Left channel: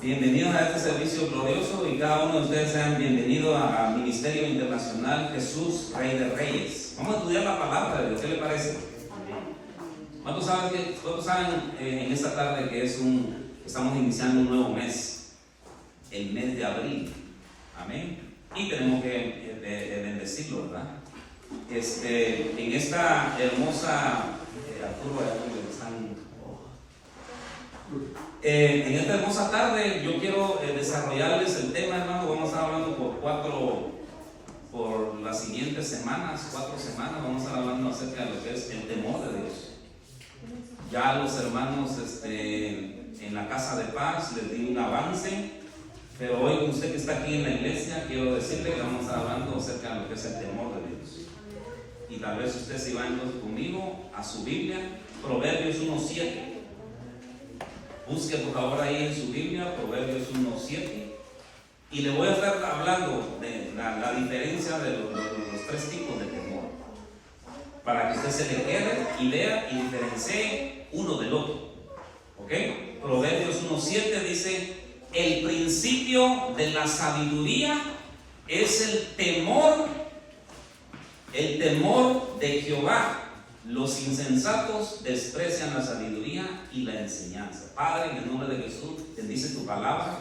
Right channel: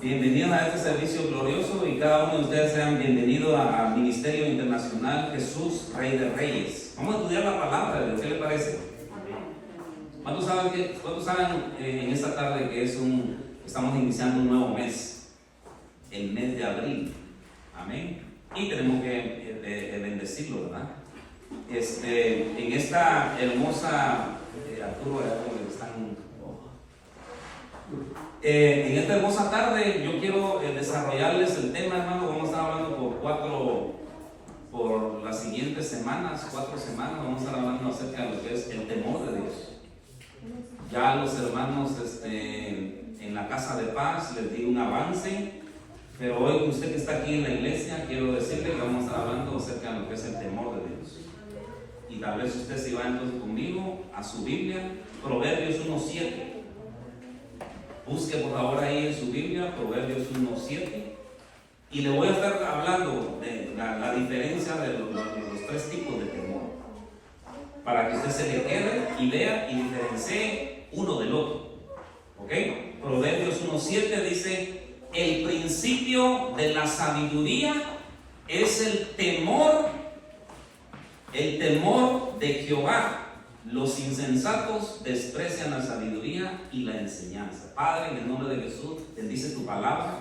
Bienvenidos a este servicio glorioso y cada uno de ustedes sean bienvenidos al Ministerio Internacional Jesús, Rey de Reyes. Vamos a estudiar la palabra de Dios, ¿qué le parece? ¿Cuántos saben en esta tarde que estamos iniciando un nuevo mes? El mes de abril. Amén. Y tenemos que bendecirlo, ¿verdad? En esta hermosa Arturo, en esta hermosa tarde yo quiero desarrollarles el tema, hermano. Vamos a estar hablando por las siguientes semanas, 4 semanas, vamos a estar hablando acerca de lo que es el temor de Dios. Ya los hermanos en la casa de paz les di un avance, pero hoy usted que está aquí en la iglesia, quiero decirle que vamos a estar hablando acerca de lo que es el temor de Dios. Y tal vez usted se va entonces conmigo a su Biblia, Proverbios 1:7. Busque por favor ahí en su Biblia, Proverbios 1:7. Y le voy a estar hablando de la diferencia de los 3 tipos de temor, para que usted se le quede y vea y diferencie uno del otro. ¿Ok? Proverbios 1:7 dice: el principio de la sabiduría es el temor de Jehová. Los insensatos desprecian la sabiduría y la enseñanza. Padre, en el nombre de Jesús, bendice tu palabra,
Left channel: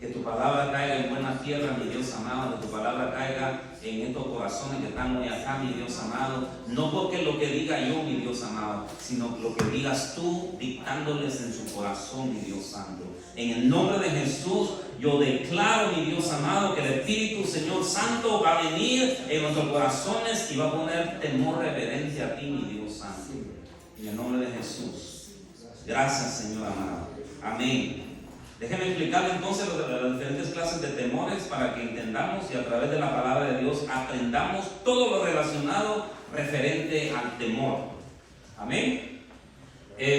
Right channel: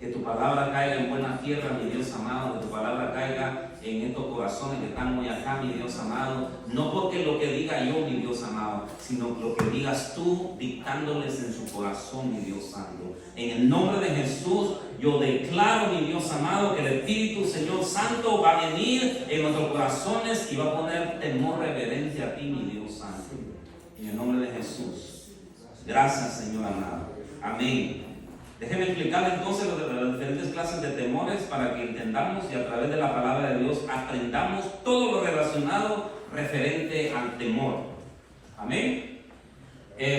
que tu palabra caiga en buena tierra, mi Dios amado, que tu palabra caiga en estos corazones que están hoy acá, mi Dios amado, no porque lo que diga yo, mi Dios amado, sino lo que digas tú, dictándoles en su corazón, mi Dios santo. En el nombre de Jesús, yo declaro, mi Dios amado, que el Espíritu, Señor Santo, va a venir en nuestros corazones y va a poner temor reverente a ti, mi Dios Santo. En el nombre de Jesús. Gracias, Señor amado. Amén. Déjeme explicarle entonces las diferentes clases de temores para que entendamos y a través de la palabra de Dios aprendamos todo lo relacionado referente al temor. Amén.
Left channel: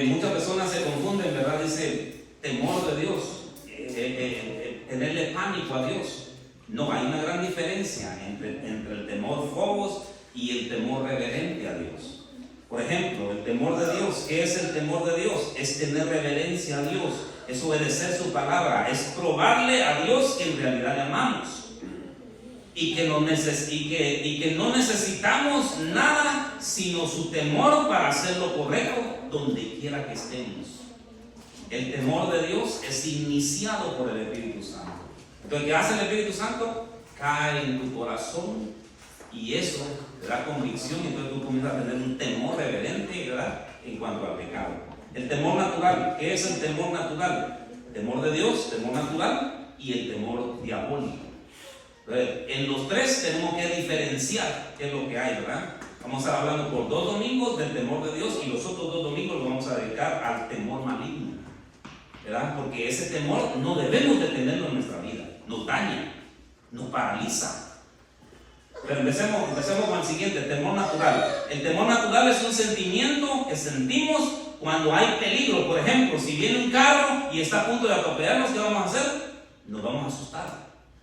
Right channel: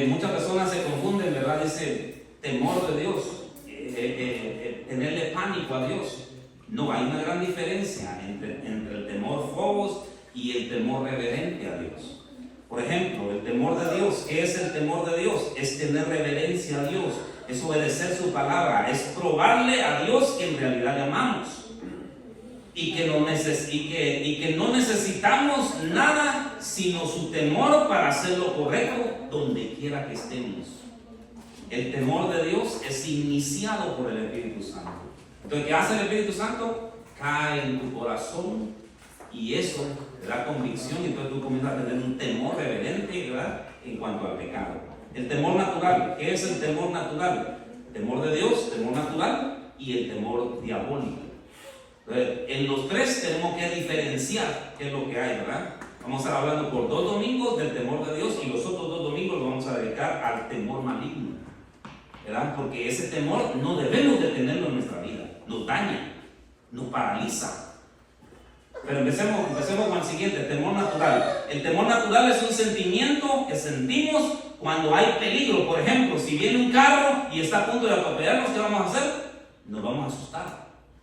Muchas personas se confunden, ¿verdad? Dice temor de Dios, tenerle pánico a Dios. No, hay una gran diferencia entre el temor phobos y el temor reverente a Dios. Por ejemplo, el temor de Dios. ¿Qué es el temor de Dios? Es tener reverencia a Dios, es obedecer su palabra, es probarle a Dios que en realidad le amamos y que no necesitamos nada sino su temor para hacer lo correcto donde quiera que estemos. El temor de Dios es iniciado por el Espíritu Santo. Entonces, ¿qué hace el Espíritu Santo? Cae en tu corazón y eso te da convicción, y entonces tú comienzas a tener un temor reverente, ¿verdad?, en cuanto al pecado. El temor natural. ¿Qué es el temor natural? Temor de Dios, temor natural y el temor diabólico. Entonces, en los 3 tenemos que diferenciar qué es lo que hay, ¿verdad? Vamos a estar hablando por 2 domingos del temor de Dios y los otros 2 domingos los vamos a dedicar al temor maligno, ¿verdad? Porque ese temor no debemos de tenerlo en nuestra vida. Nos daña, nos paraliza. Pero empecemos con el siguiente, el temor natural. El temor natural es un sentimiento que sentimos cuando hay peligro. Por ejemplo, si viene un carro y está a punto de atropellarnos, ¿qué vamos a hacer? Nos vamos a asustar,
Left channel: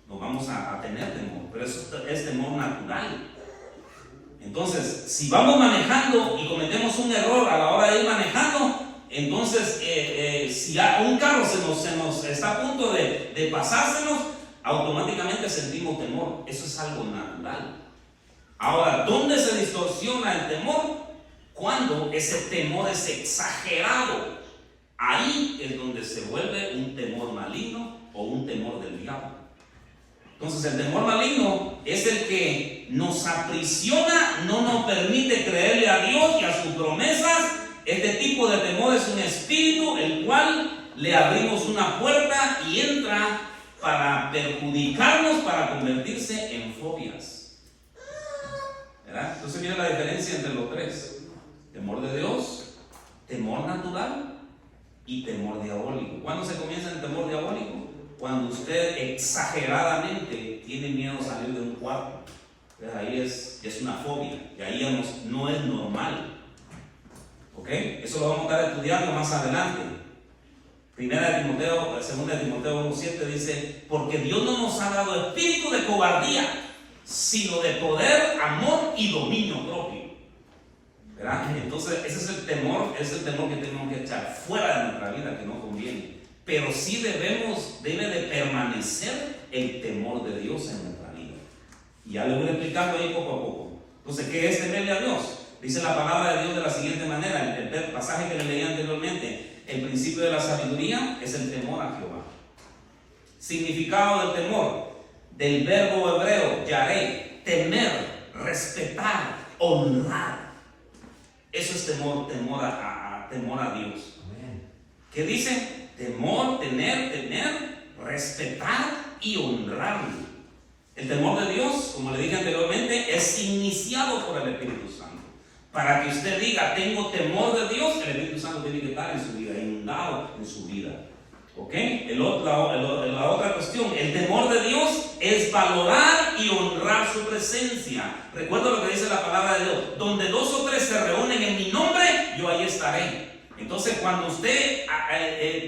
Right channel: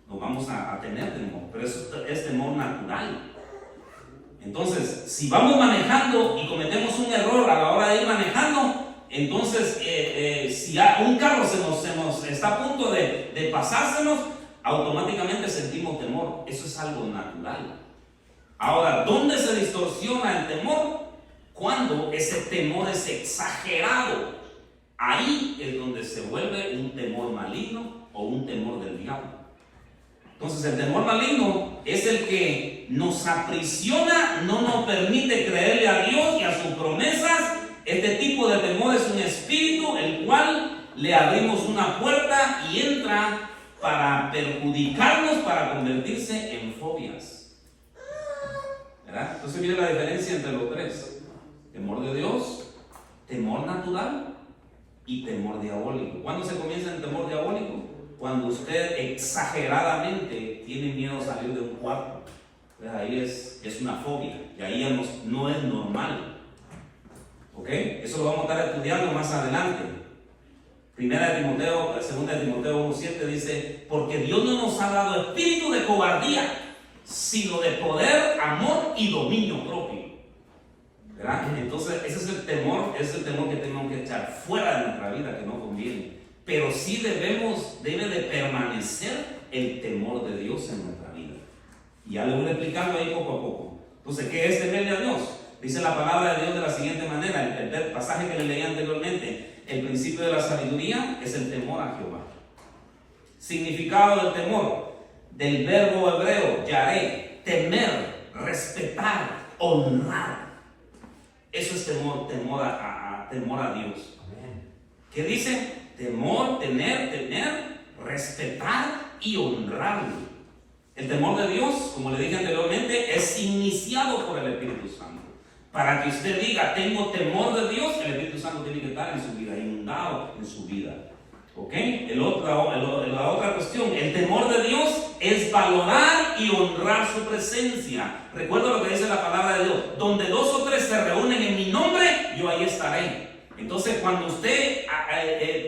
nos vamos a tener temor. Pero eso es temor natural. Entonces, si vamos manejando y cometemos un error a la hora de ir manejando, entonces si un carro se nos está a punto de pasársenos, automáticamente sentimos temor. Eso es algo natural. Ahora, ¿dónde se distorsiona el temor? Cuando ese temor es exagerado. Ahí es donde se vuelve un temor maligno o un temor del diablo. Entonces, el temor maligno es el que nos aprisiona, no nos permite creerle a Dios y a sus promesas. Este tipo de temor es un espíritu el cual le abrimos una puerta y entra para perjudicarnos, para convertirse en fobias, ¿verdad? Entonces mire la diferencia entre los 3: temor de Dios, temor natural y temor diabólico. ¿Cuándo se comienza el temor diabólico? Cuando usted exageradamente tiene miedo a salir de un cuarto. Entonces ahí es una fobia y ahí no es normal. ¿Ok? Eso lo vamos a estar estudiando más adelante. 2 de Timoteo 1:7 dice: porque Dios no nos ha dado espíritu de cobardía, sino de poder, amor y dominio propio. ¿Verdad? Entonces ese es el temor que tenemos que echar fuera de nuestra vida, que no conviene. pero sí debe de permanecer el temor de Dios en nuestra vida. Y ya lo voy explicando ahí poco a poco. Entonces, ¿qué es temerle a Dios? Dice la palabra de Dios de la siguiente manera, el pasaje que le leí anteriormente: el principio de la sabiduría es el temor a Jehová. Significado del temor, del verbo hebreo, yaré, temer, respetar, honrar. Eso es temor a Dios. ¿Qué dice? Temor, tener, respetar y honrarlo. El temor de Dios, como le dije anteriormente, es iniciado por el Espíritu Santo. Para que usted diga, tengo temor de Dios, el Espíritu Santo tiene que estar en su vida, inundado en su vida. ¿Ok? La otra cuestión, el temor de Dios es valorar y honrar su presencia. Recuerda lo que dice la palabra de Dios: donde 2 o 3 se reúnen en mi nombre, yo ahí estaré. Entonces, cuando usted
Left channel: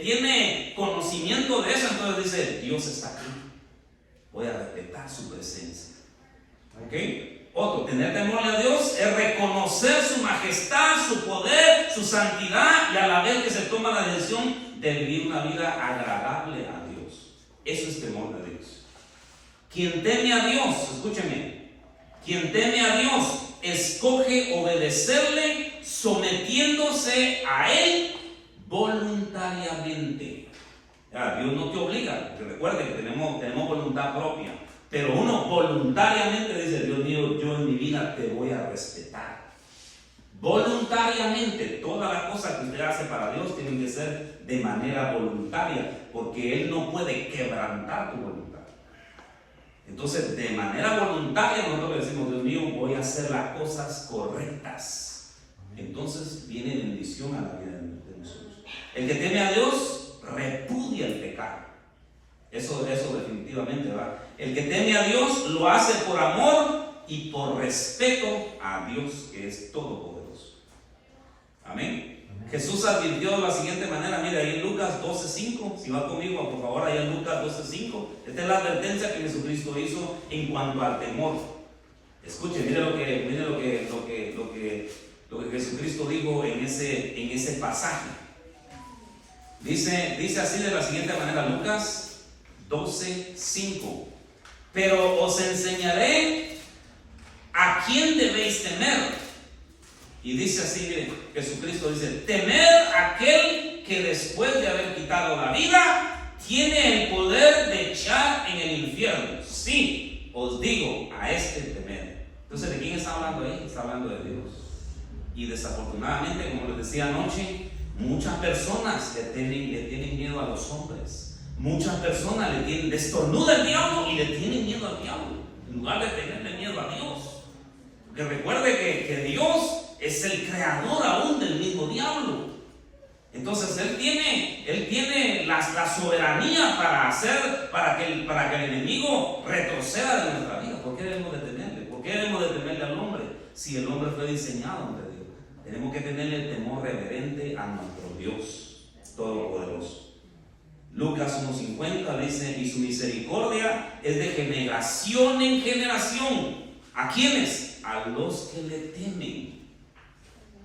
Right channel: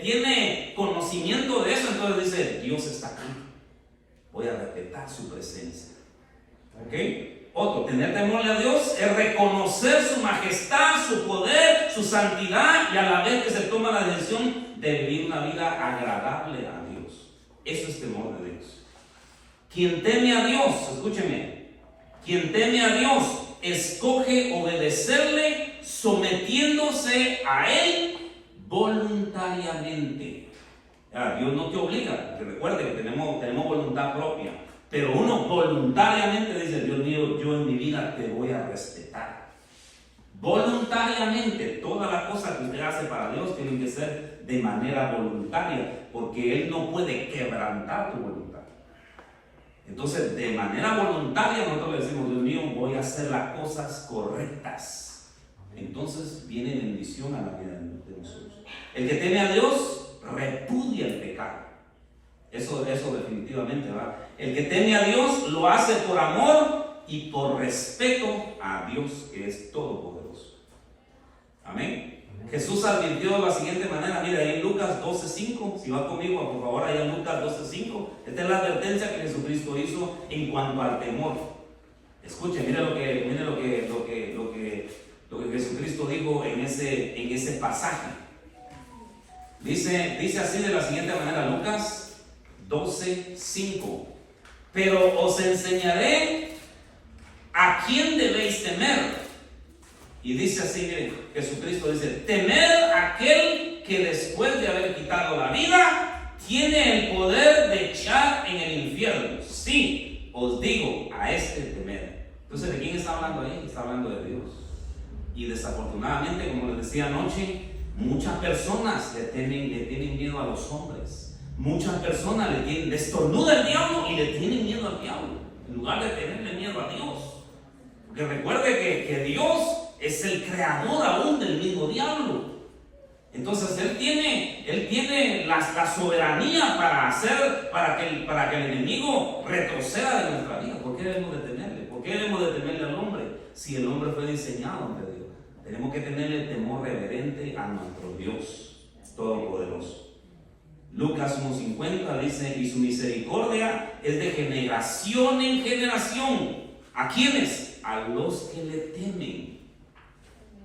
tiene conocimiento de eso, entonces dice, Dios está aquí, voy a respetar su presencia. ¿Ok? Otro, tener temor a Dios es reconocer su majestad, su poder, su santidad, y a la vez que se toma la decisión de vivir una vida agradable a Dios. Eso es temor de Dios. Quien teme a Dios, escúcheme, quien teme a Dios escoge obedecerle sometiéndose a Él voluntariamente. Dios no te obliga, te recuerde que tenemos voluntad propia, pero uno voluntariamente dice, Dios mío, yo en mi vida te voy a respetar. Voluntariamente, todas las cosas que usted hace para Dios tienen que ser de manera voluntaria, porque Él no puede quebrantar tu voluntad. Entonces, de manera voluntaria nosotros le decimos, Dios mío, voy a hacer las cosas correctas. Entonces viene bendición a la vida de nosotros. El que teme a Dios repudia el pecado. Eso definitivamente, ¿verdad? El que teme a Dios lo hace por amor y por respeto a Dios, que es todopoderoso. Amén. Jesús advirtió de la siguiente manera, mira ahí en Lucas 12:5, si va conmigo por favor ahí en Lucas 12:5, esta es la advertencia que Jesucristo hizo en cuanto al temor. Escuchen, mire lo que Jesucristo dijo en ese pasaje. Dice así de la siguiente manera, Lucas 12:5, pero os enseñaré a quién debéis temer. Y dice así, mire, Jesucristo dice, temer a aquel que después de haber quitado la vida, tiene el poder de echar en el infierno. Sí, os digo, a este temer. Entonces, ¿de quién está hablando ahí? Está hablando de Dios. Y desafortunadamente, como les decía anoche, muchas personas le tienen miedo a los hombres. Muchas personas le estornuda el diablo y le tienen miedo al diablo, en lugar de tenerle miedo a Dios. Porque recuerde que Dios es el creador aún del mismo diablo. Entonces Él tiene la soberanía para que el enemigo retroceda de nuestra vida. ¿Por qué debemos de temerle? ¿Por qué debemos de temerle al hombre? Si el hombre fue diseñado ante Dios, tenemos que tenerle el temor reverente a nuestro Dios todopoderoso. Lucas 1:50 dice, y su misericordia es de generación en generación. ¿A quiénes? A los que le temen.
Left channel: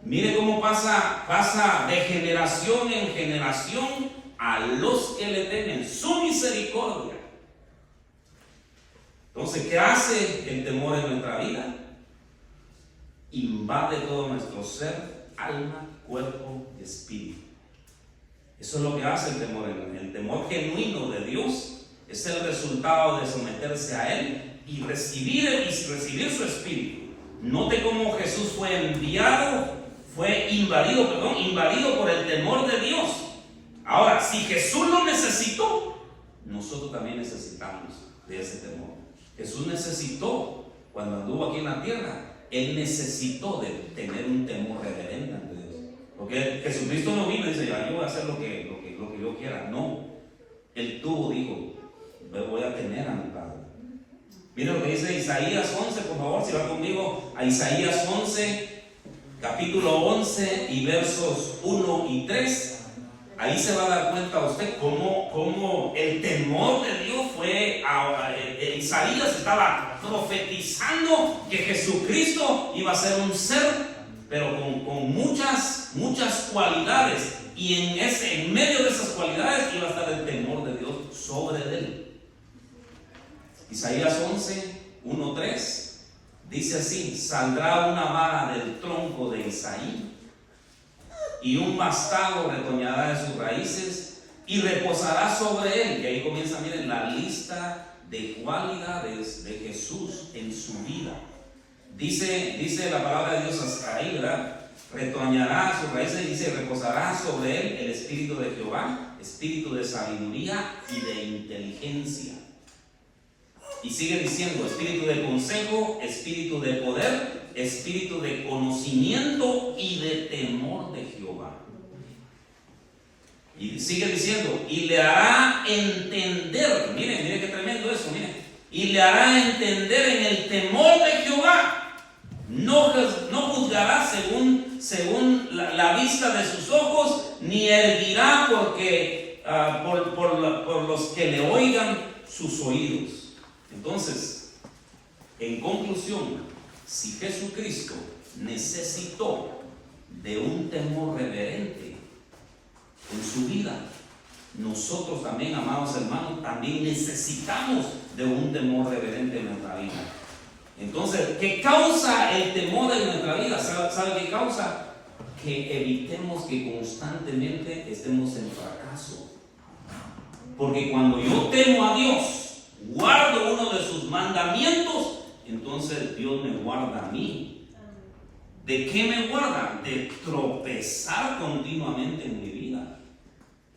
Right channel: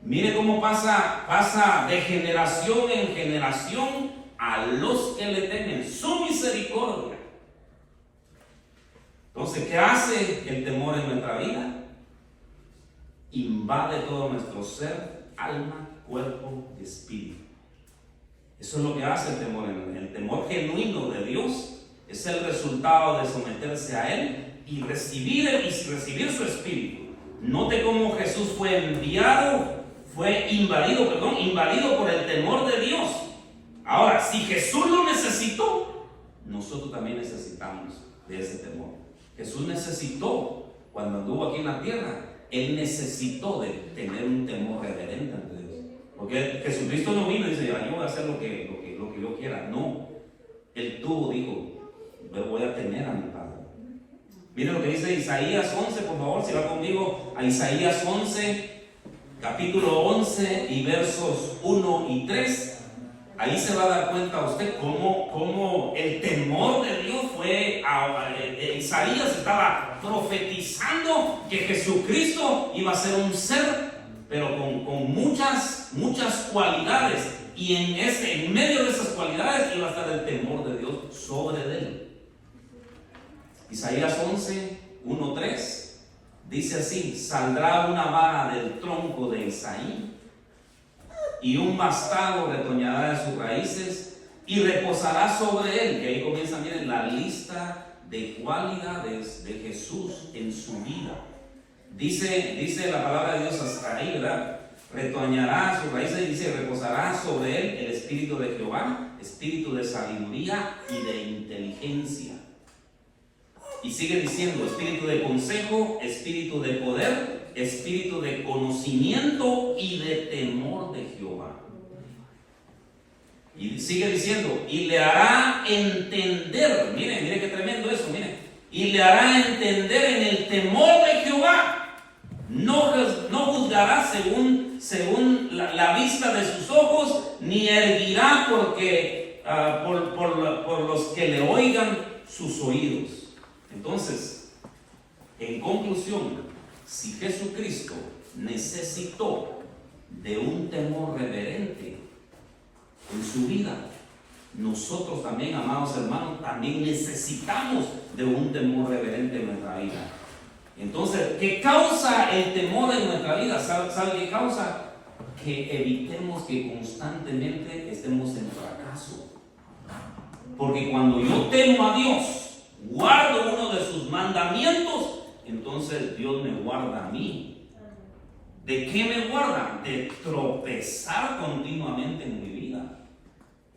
Mire cómo pasa de generación en generación a los que le temen. Su misericordia. Entonces, ¿qué hace el temor en nuestra vida? Invade todo nuestro ser, alma, cuerpo y espíritu. Eso es lo que hace el temor. El temor genuino de Dios es el resultado de someterse a Él y recibir su espíritu. Note cómo Jesús fue invadido por el temor de Dios. Ahora, si Jesús lo necesitó, nosotros también necesitamos de ese temor. Jesús necesitó, cuando anduvo aquí en la tierra, Él necesitó de tener un temor reverente ante Dios. Porque Jesucristo no vino y dice, yo voy a hacer lo que yo quiera. No, Él dijo, voy a temer a mi Padre. Miren lo que dice Isaías 11, por favor, si va conmigo a Isaías 11, capítulo 11 y versos 1 y 3. Ahí se va a dar cuenta usted cómo el temor de Dios Isaías estaba profetizando que Jesucristo iba a ser un ser, pero con muchas cualidades y en medio de esas cualidades iba a estar el temor de Dios sobre él. Isaías 11, 1, 3 dice así: saldrá una vara del tronco de Isaí y un vástago retoñará de sus raíces y reposará sobre él. Y ahí comienza, miren, la lista de cualidades de Jesús en su vida. Dice la palabra de Dios hasta ahí, ¿verdad? Retoñará sus raíces, dice, reposará sobre él el espíritu de Jehová, espíritu de sabiduría y de inteligencia. Y sigue diciendo: espíritu de consejo, espíritu de poder, espíritu de conocimiento y de temor de Jehová. Y sigue diciendo: y le hará entender, miren qué tremendo eso, miren, y le hará entender en el temor de Jehová. No juzgará según la vista de sus ojos, ni erguirá por los que le oigan sus oídos. Entonces, en conclusión, si Jesucristo necesitó de un temor reverente en su vida, nosotros también, amados hermanos, también necesitamos de un temor reverente en nuestra vida. Entonces, ¿qué causa el temor en nuestra vida? ¿Sabe qué causa? Que evitemos que constantemente estemos en fracaso. Porque cuando yo temo a Dios, guardo uno de sus mandamientos, entonces Dios me guarda a mí. ¿De qué me guarda? De tropezar continuamente en mi vida.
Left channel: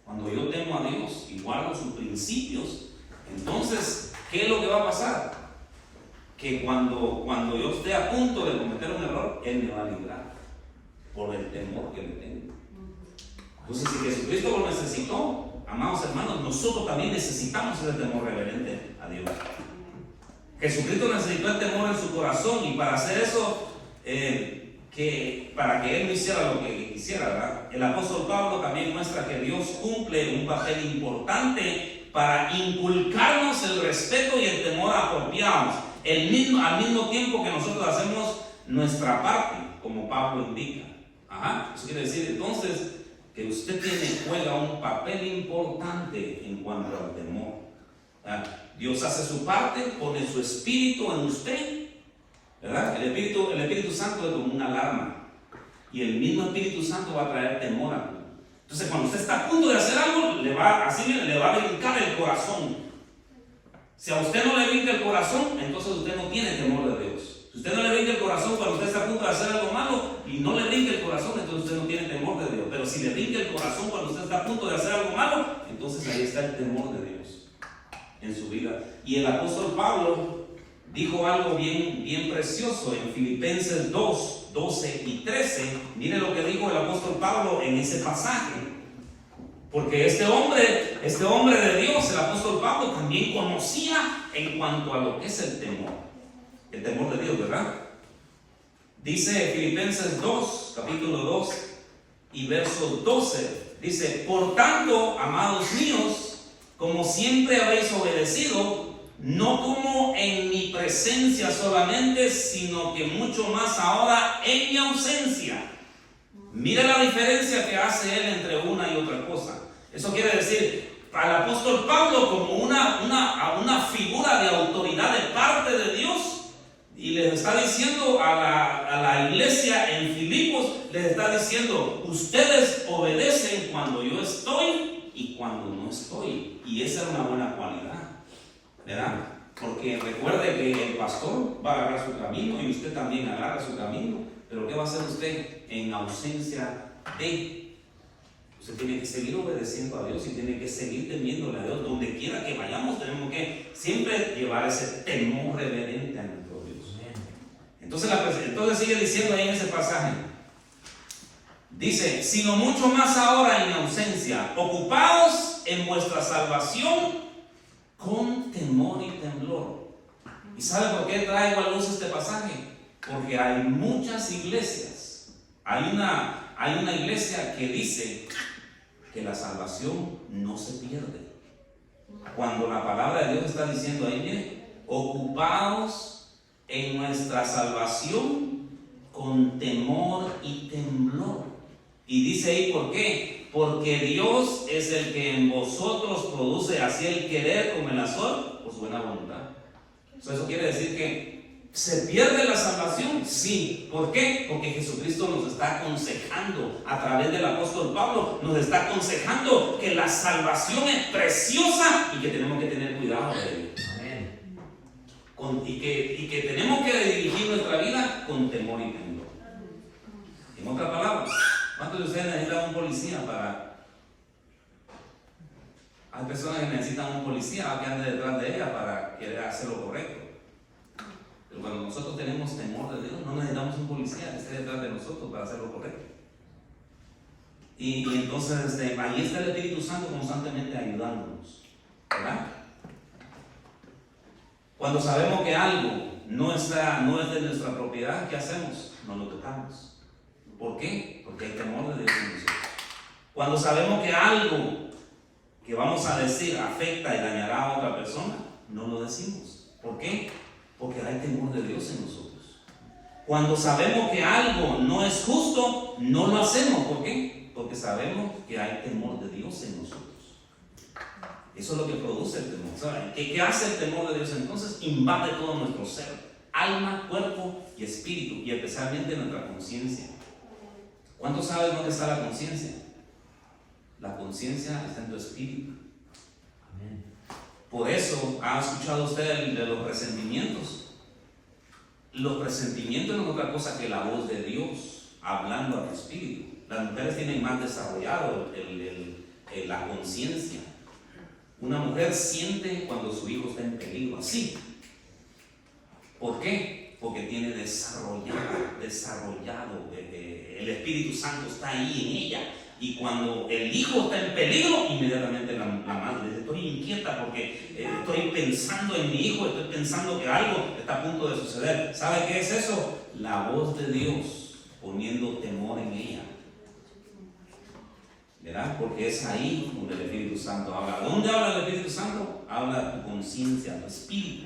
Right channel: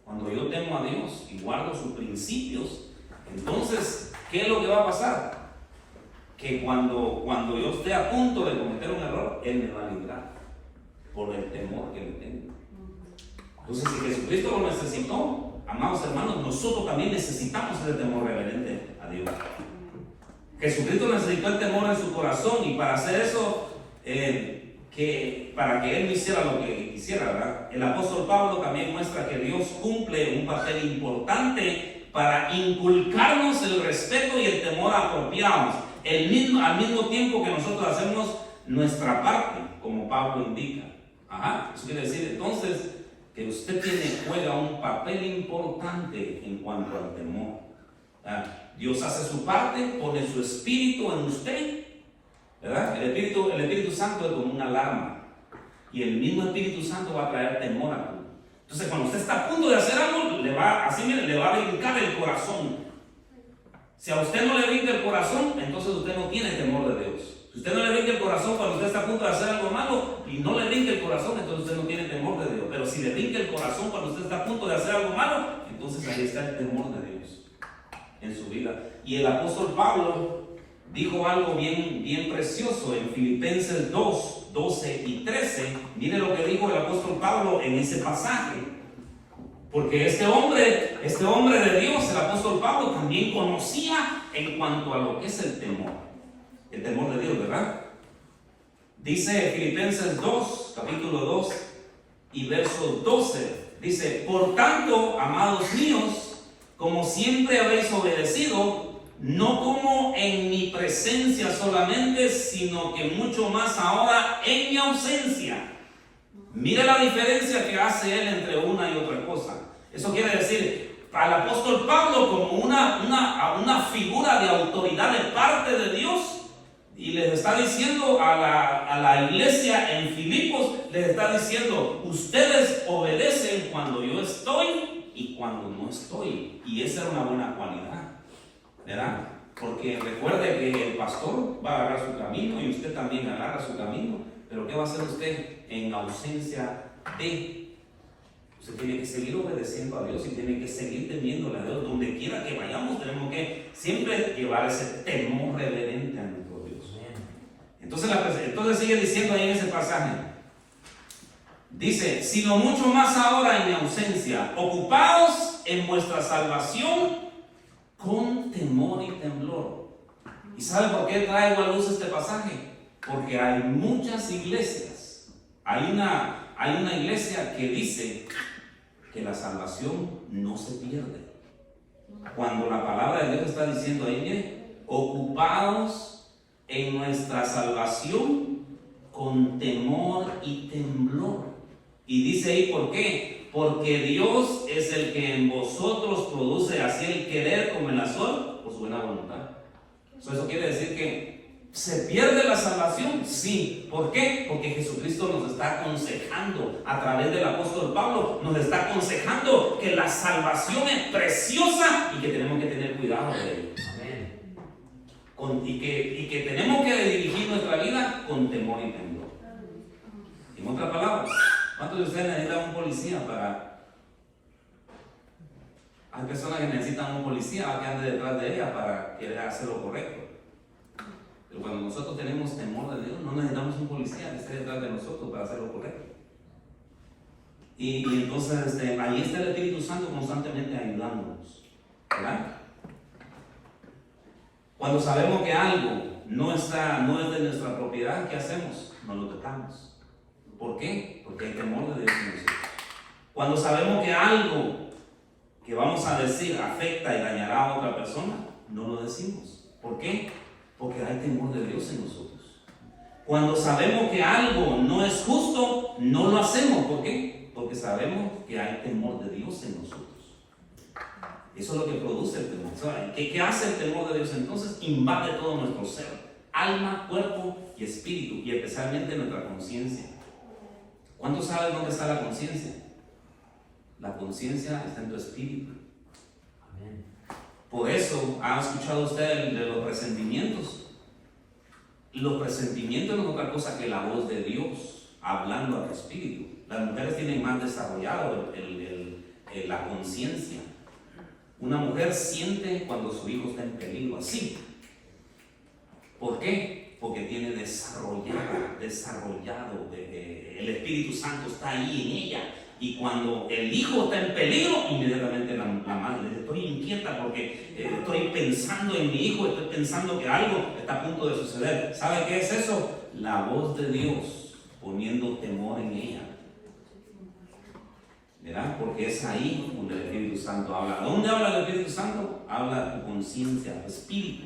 Cuando yo temo a Dios y guardo sus principios, entonces, ¿qué es lo que va a pasar? Que cuando yo esté a punto de cometer un error, Él me va a librar por el temor que le tengo. Entonces, si Jesucristo lo necesitó, amados hermanos, nosotros también necesitamos ese temor reverente a Dios. Jesucristo necesitó el temor en su corazón, y para hacer eso, para que Él no hiciera lo que quisiera, ¿verdad? El apóstol Pablo también muestra que Dios cumple un papel importante para inculcarnos el respeto y el temor apropiados, al mismo tiempo que nosotros hacemos nuestra parte, como Pablo indica. Eso quiere decir entonces que usted juega un papel importante en cuanto al temor. Dios hace su parte, pone su espíritu en usted, ¿verdad? El Espíritu Santo es como una alarma, y el mismo Espíritu Santo va a traer temor a tú. Entonces, cuando usted está a punto de hacer algo, le va a brincar el corazón. Si a usted no le brinca el corazón, entonces usted no tiene temor de Dios. Si usted no le brinca el corazón cuando usted está a punto de hacer algo malo y no le brinca el corazón, entonces usted no tiene temor de Dios. Pero si le brinca el corazón cuando usted está a punto de hacer algo malo, entonces ahí está el temor de Dios en su vida. Y el apóstol Pablo dijo algo bien precioso en Filipenses 2, 12 y 13. Mire lo que dijo el apóstol Pablo en ese pasaje. Porque este hombre de Dios, el apóstol Pablo, también conocía en cuanto a lo que es el temor de Dios, ¿verdad? Dice Filipenses 2, capítulo 2 y verso 12, dice: por tanto, amados míos, como siempre habéis obedecido, no como en mi presencia solamente, sino que mucho más ahora en mi ausencia. Mire la diferencia que hace él entre una y otra cosa. Eso quiere decir, al apóstol Pablo, como una figura de autoridad de parte de Dios, y les está diciendo a la iglesia en Filipos, les está diciendo: ustedes obedecen cuando yo estoy y cuando no estoy. Y esa es una buena cualidad, ¿verdad? Porque recuerde que el pastor va a agarrar su camino y usted también agarra su camino. Pero ¿qué va a hacer usted en ausencia de? Usted tiene que seguir obedeciendo a Dios y tiene que seguir temiéndole a Dios. Donde quiera que vayamos, tenemos que siempre llevar ese temor reverente a nuestro Dios. Entonces sigue diciendo ahí en ese pasaje. Dice: sino mucho más ahora en mi ausencia, ocupados en vuestra salvación con temor y temblor. ¿Y sabe por qué traigo a luz este pasaje? Porque hay muchas iglesias. Hay una iglesia que dice que la salvación no se pierde. Cuando la palabra de Dios está diciendo ahí, bien, ocupados en nuestra salvación con temor y temblor. Y dice ahí, ¿por qué? Porque Dios es el que en vosotros produce así el querer como el hacer por su buena voluntad. Eso quiere decir que ¿se pierde la salvación? Sí. ¿Por qué? Porque Jesucristo nos está aconsejando a través del apóstol Pablo, nos está aconsejando que la salvación es preciosa y que tenemos que tener cuidado de ello. Y que tenemos que dirigir nuestra vida con temor y temor. En otras palabras, ¿cuántos de ustedes necesitan un policía para? Hay personas que necesitan un policía que ande detrás de ella para querer hacer lo correcto. Pero cuando nosotros tenemos temor de Dios, no necesitamos un policía que esté detrás de nosotros para hacer lo correcto. Y entonces ahí está el Espíritu Santo constantemente ayudándonos, ¿verdad? Cuando sabemos que algo no es de nuestra propiedad, ¿qué hacemos? No lo tocamos. ¿Por qué? Porque hay temor de Dios en nosotros. Cuando sabemos que algo que vamos a decir afecta y dañará a otra persona, no lo decimos. ¿Por qué? Porque hay temor de Dios en nosotros. Cuando sabemos que algo no es justo, no lo hacemos. ¿Por qué? Porque sabemos que hay temor de Dios en nosotros. Eso es lo que produce el temor. ¿Qué hace el temor de Dios? Entonces invade todo nuestro ser, alma, cuerpo y espíritu, y especialmente nuestra conciencia. ¿Cuántos saben dónde está la conciencia? La conciencia está en tu espíritu. Amén. Por eso, ¿ha escuchado usted de los presentimientos? Los presentimientos no es otra cosa que la voz de Dios hablando a tu espíritu. Las mujeres tienen más desarrollado la conciencia. Una mujer siente cuando su hijo está en peligro, así. ¿Por qué? Porque tiene desarrollado, el Espíritu Santo está ahí en ella. Y cuando el hijo está en peligro, inmediatamente la madre dice: estoy inquieta porque estoy pensando en mi hijo, estoy pensando que algo está a punto de suceder. ¿Sabe qué es eso? La voz de Dios poniendo temor en ella. ¿Verdad? Porque es ahí donde el Espíritu Santo habla. ¿Dónde habla el Espíritu Santo? Habla tu conciencia, tu espíritu.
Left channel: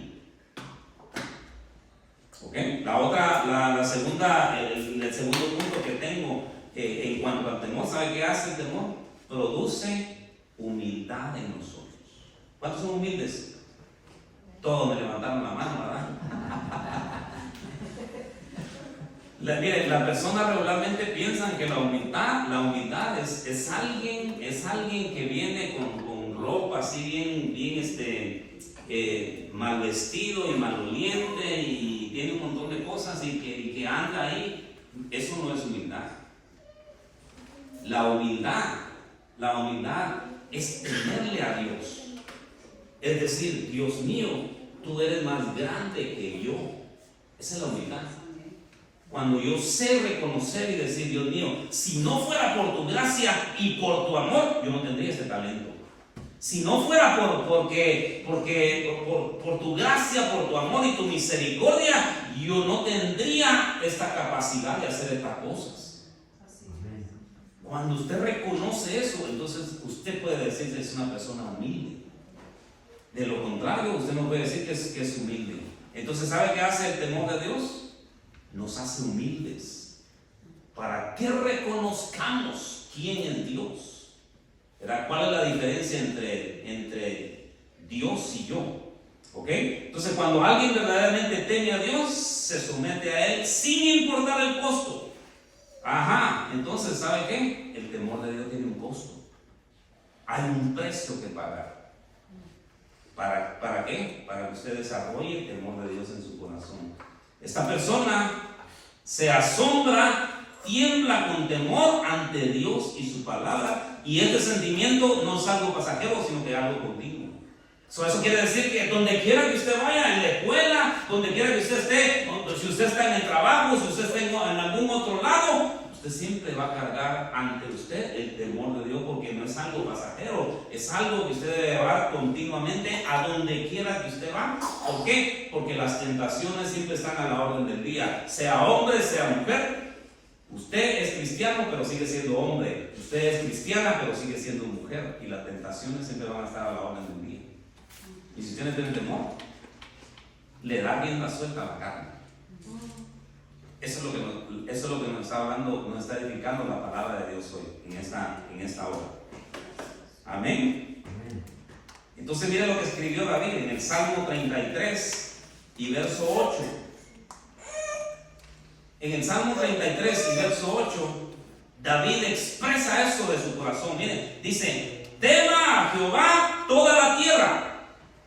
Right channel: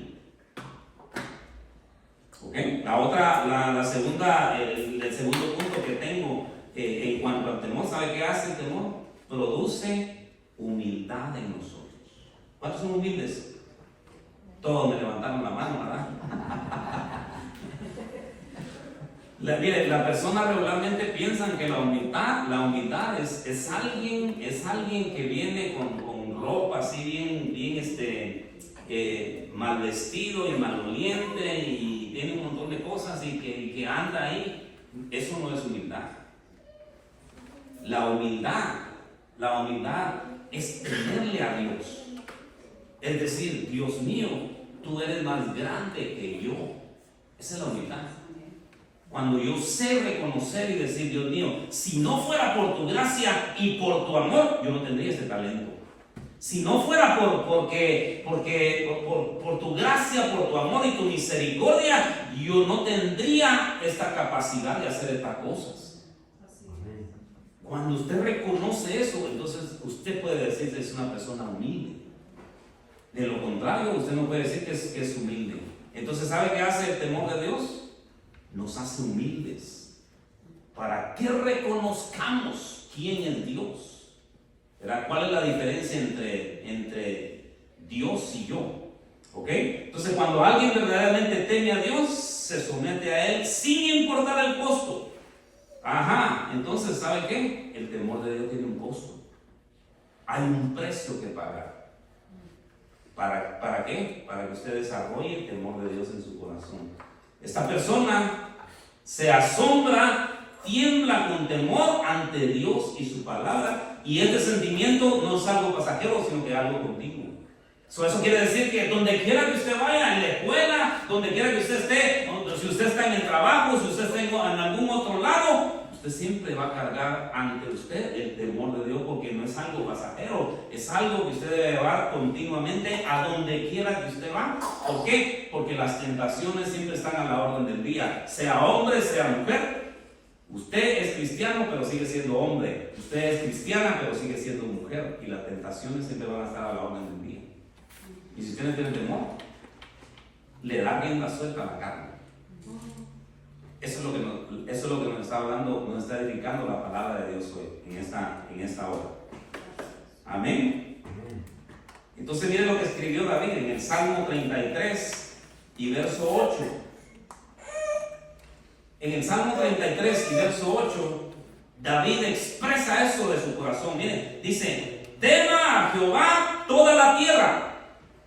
¿Ok? La segunda, el segundo punto que tengo en cuanto al temor, ¿sabe qué hace el temor? Produce humildad en nosotros. ¿Cuántos son humildes? Todos me levantaron la mano, ¿verdad? Mire, las personas regularmente piensan que la humildad es alguien que viene con ropa así bien mal vestido y maloliente y tiene un montón de cosas y que anda ahí. Eso no es humildad. La humildad es temerle a Dios. Es decir, Dios mío, tú eres más grande que yo. Esa es la humildad. Cuando yo sé reconocer y decir: Dios mío, si no fuera por tu gracia y por tu amor, yo no tendría este talento. Si no fuera por tu gracia, por tu amor y tu misericordia, yo no tendría esta capacidad de hacer estas cosas. Cuando usted reconoce eso, entonces usted puede decir que es una persona humilde. De lo contrario, usted no puede decir que es humilde. Entonces, ¿sabe qué hace el temor de Dios? Nos hace humildes para que reconozcamos quién es Dios. ¿Verdad? ¿Cuál es la diferencia entre Dios y yo? ¿Ok? Entonces, cuando alguien verdaderamente teme a Dios, se somete a Él sin importar el costo. Ajá, entonces, ¿sabe qué? El temor de Dios tiene un costo. Hay un precio que pagar. ¿Para qué? Para que usted desarrolle el temor de Dios en su corazón. Esta persona se asombra, tiembla con temor ante Dios y su palabra, y este sentimiento no es algo pasajero, sino que es algo continuo. Eso quiere decir que donde quiera que usted vaya, en la escuela, donde quiera que usted esté, si usted está en el trabajo, si usted está en algún otro lado, usted siempre va a cargar ante usted el temor de Dios, porque no es algo pasajero, es algo que usted debe llevar continuamente a donde quiera que usted va. ¿Por qué? Porque las tentaciones siempre están a la orden del día, sea hombre, sea mujer. Usted es cristiano, pero sigue siendo hombre. Usted es cristiana, pero sigue siendo mujer. Y las tentaciones siempre van a estar a la orden del día. Y si usted no tiene temor, le da rienda suelta a la carne. Eso es lo que nos está hablando, nos está edificando la palabra de Dios hoy, en esta hora. Amén. Entonces mire lo que escribió David en el Salmo 33 y verso 8. En el Salmo 33 y verso 8, David expresa eso de su corazón. Mire, dice: tema a Jehová toda la tierra,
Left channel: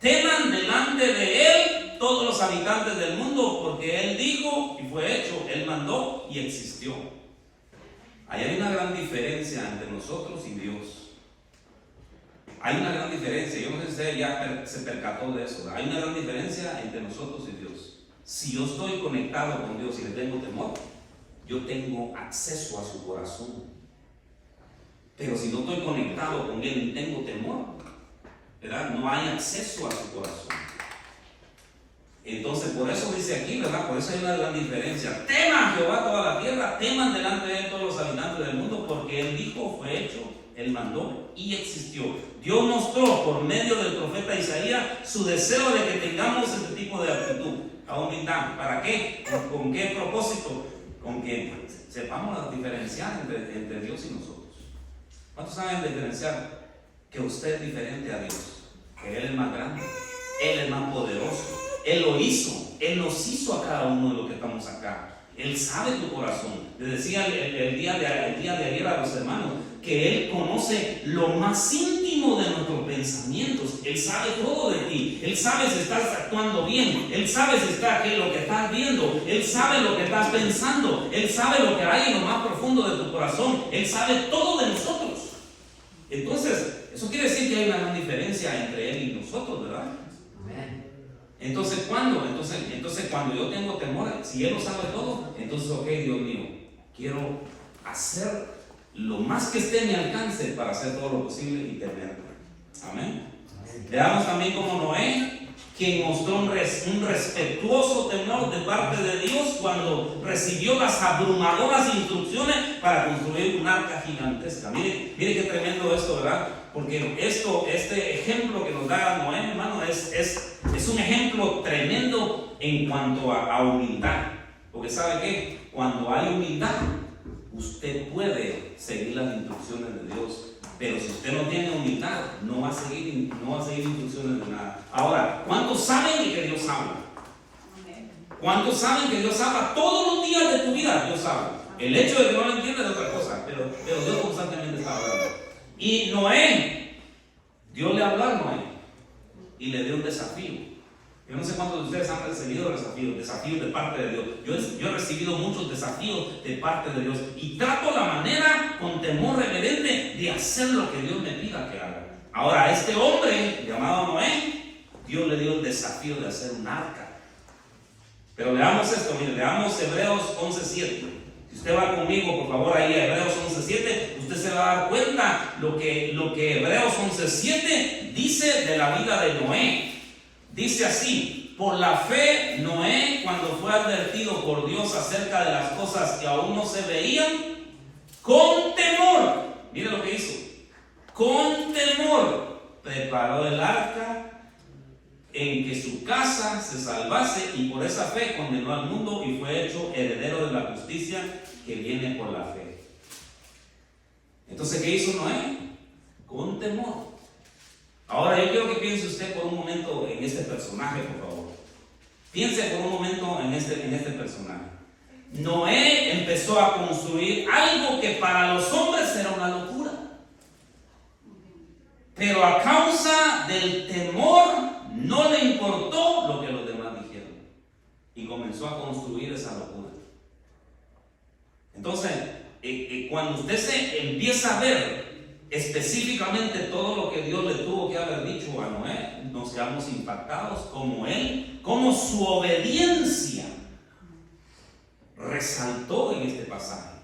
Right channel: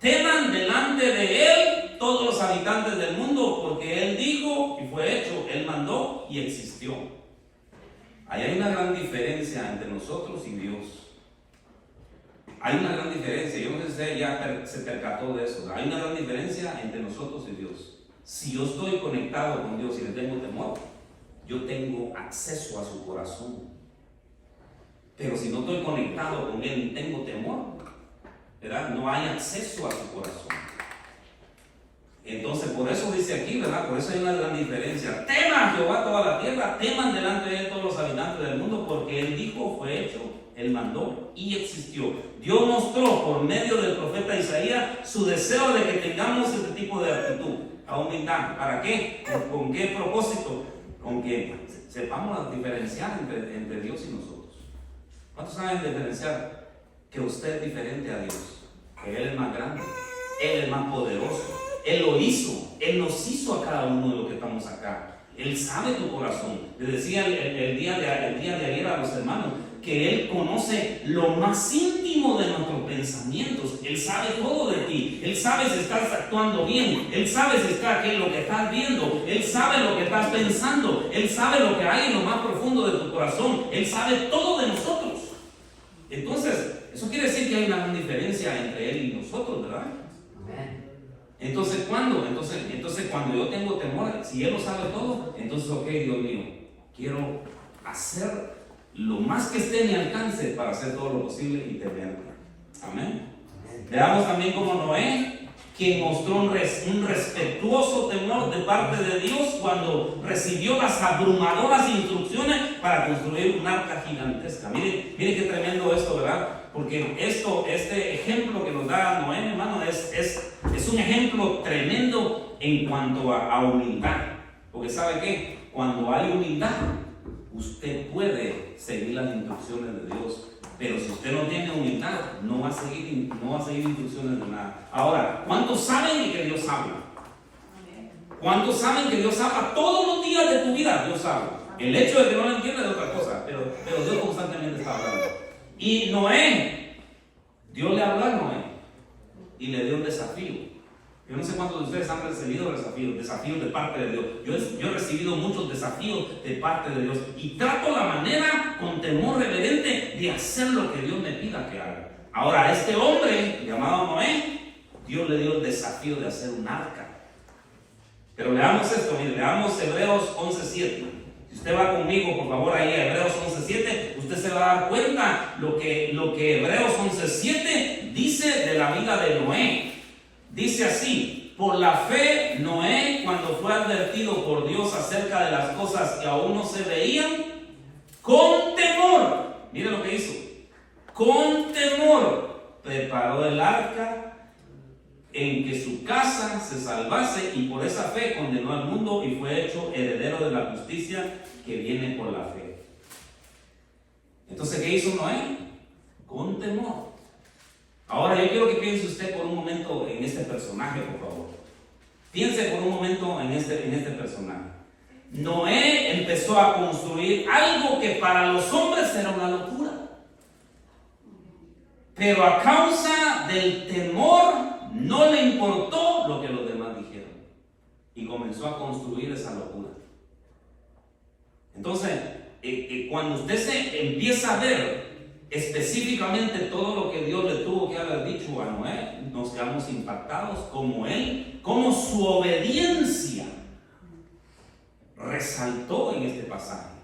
teman delante de él todos los habitantes del mundo, porque él dijo y fue hecho, él mandó y existió. Ahí hay una gran diferencia entre nosotros y Dios. Hay una gran diferencia. Yo no sé si usted ya se percató de eso. Hay una gran diferencia entre nosotros y Dios. Si yo estoy conectado con Dios y le tengo temor, yo tengo acceso a su corazón. Pero si no estoy conectado con Él y tengo temor, ¿verdad?, no hay acceso a su corazón. Entonces, por eso dice aquí, ¿verdad? Por eso hay una gran diferencia. Tema a Jehová toda la tierra, teman delante de Él todos los habitantes del mundo, porque Él dijo, fue hecho, Él mandó y existió. Dios mostró por medio del profeta Isaías su deseo de que tengamos este tipo de actitud, a humildad. ¿Para qué? ¿Con qué propósito? Con que sepamos diferenciar entre Dios y nosotros. ¿Cuántos saben diferenciar que usted es diferente a Dios? Que Él es más grande, Él es más poderoso, Él lo hizo, Él nos hizo a cada uno de los que estamos acá. Él sabe tu corazón. Le decía el día de ayer a los hermanos que Él conoce lo más íntimo de nuestros pensamientos. Él sabe todo de ti. Él sabe si estás actuando bien. Él sabe si está aquí lo que estás viendo. Él sabe lo que estás pensando. Él sabe lo que hay en lo más profundo de tu corazón. Él sabe todo de nosotros. Entonces, eso quiere decir que hay una gran diferencia entre Él y nosotros, ¿verdad? Entonces, ¿cuándo? Entonces, cuando yo tengo temor, si Él lo sabe todo, entonces, ok, Dios mío, quiero hacer lo más que esté en mi alcance para hacer todo lo posible y temerlo. Amén. Veamos también como Noé, quien mostró un respetuoso temor de parte de Dios cuando recibió las abrumadoras instrucciones para construir un arca gigantesca. Mire qué tremendo esto, ¿verdad? Porque este ejemplo que nos da Noé, hermano, es un ejemplo tremendo en cuanto a humildad. Porque ¿sabe qué? Cuando hay humildad, usted puede seguir las instrucciones de Dios. Pero si usted no tiene humildad, no va a seguir instrucciones de nada. Ahora, ¿cuántos saben que Dios habla? ¿Cuántos saben que Dios habla todos los días de tu vida? Dios habla. El hecho de que no lo entiendas es otra cosa, pero Dios constantemente está hablando. Y Noé, Dios le habló a Noé y le dio un desafío. Yo no sé cuántos de ustedes han recibido desafíos de parte de Dios. Yo he recibido muchos desafíos de parte de Dios y trato la manera con temor reverente de hacer lo que Dios me pida que haga. Ahora, a este hombre llamado Noé, Dios le dio el desafío de hacer un arca. Pero leamos esto, mire, leamos Hebreos 11:7. Si usted va conmigo, por favor, ahí a Hebreos 11:7, usted se va a dar cuenta lo que Hebreos 11:7 dice de la vida de Noé. Dice así: por la fe Noé, cuando fue advertido por Dios acerca de las cosas que aún no se veían, con temor, mire lo que hizo, con temor preparó el arca en que su casa se salvase, y por esa fe condenó al mundo y fue hecho heredero de la justicia que viene por la fe. Entonces, ¿qué hizo Noé? Con temor. Ahora yo quiero que piense usted por un momento en este personaje, por favor. Piense por un momento en este personaje. Noé empezó a construir algo que para los hombres era una locura. Pero a causa del temor no le importó lo que los demás dijeron. Y comenzó a construir esa locura. Entonces, cuando usted se empieza a ver específicamente todo lo que Dios le tuvo que haber dicho a Noé, nos quedamos impactados como él, como su obediencia resaltó en este pasaje.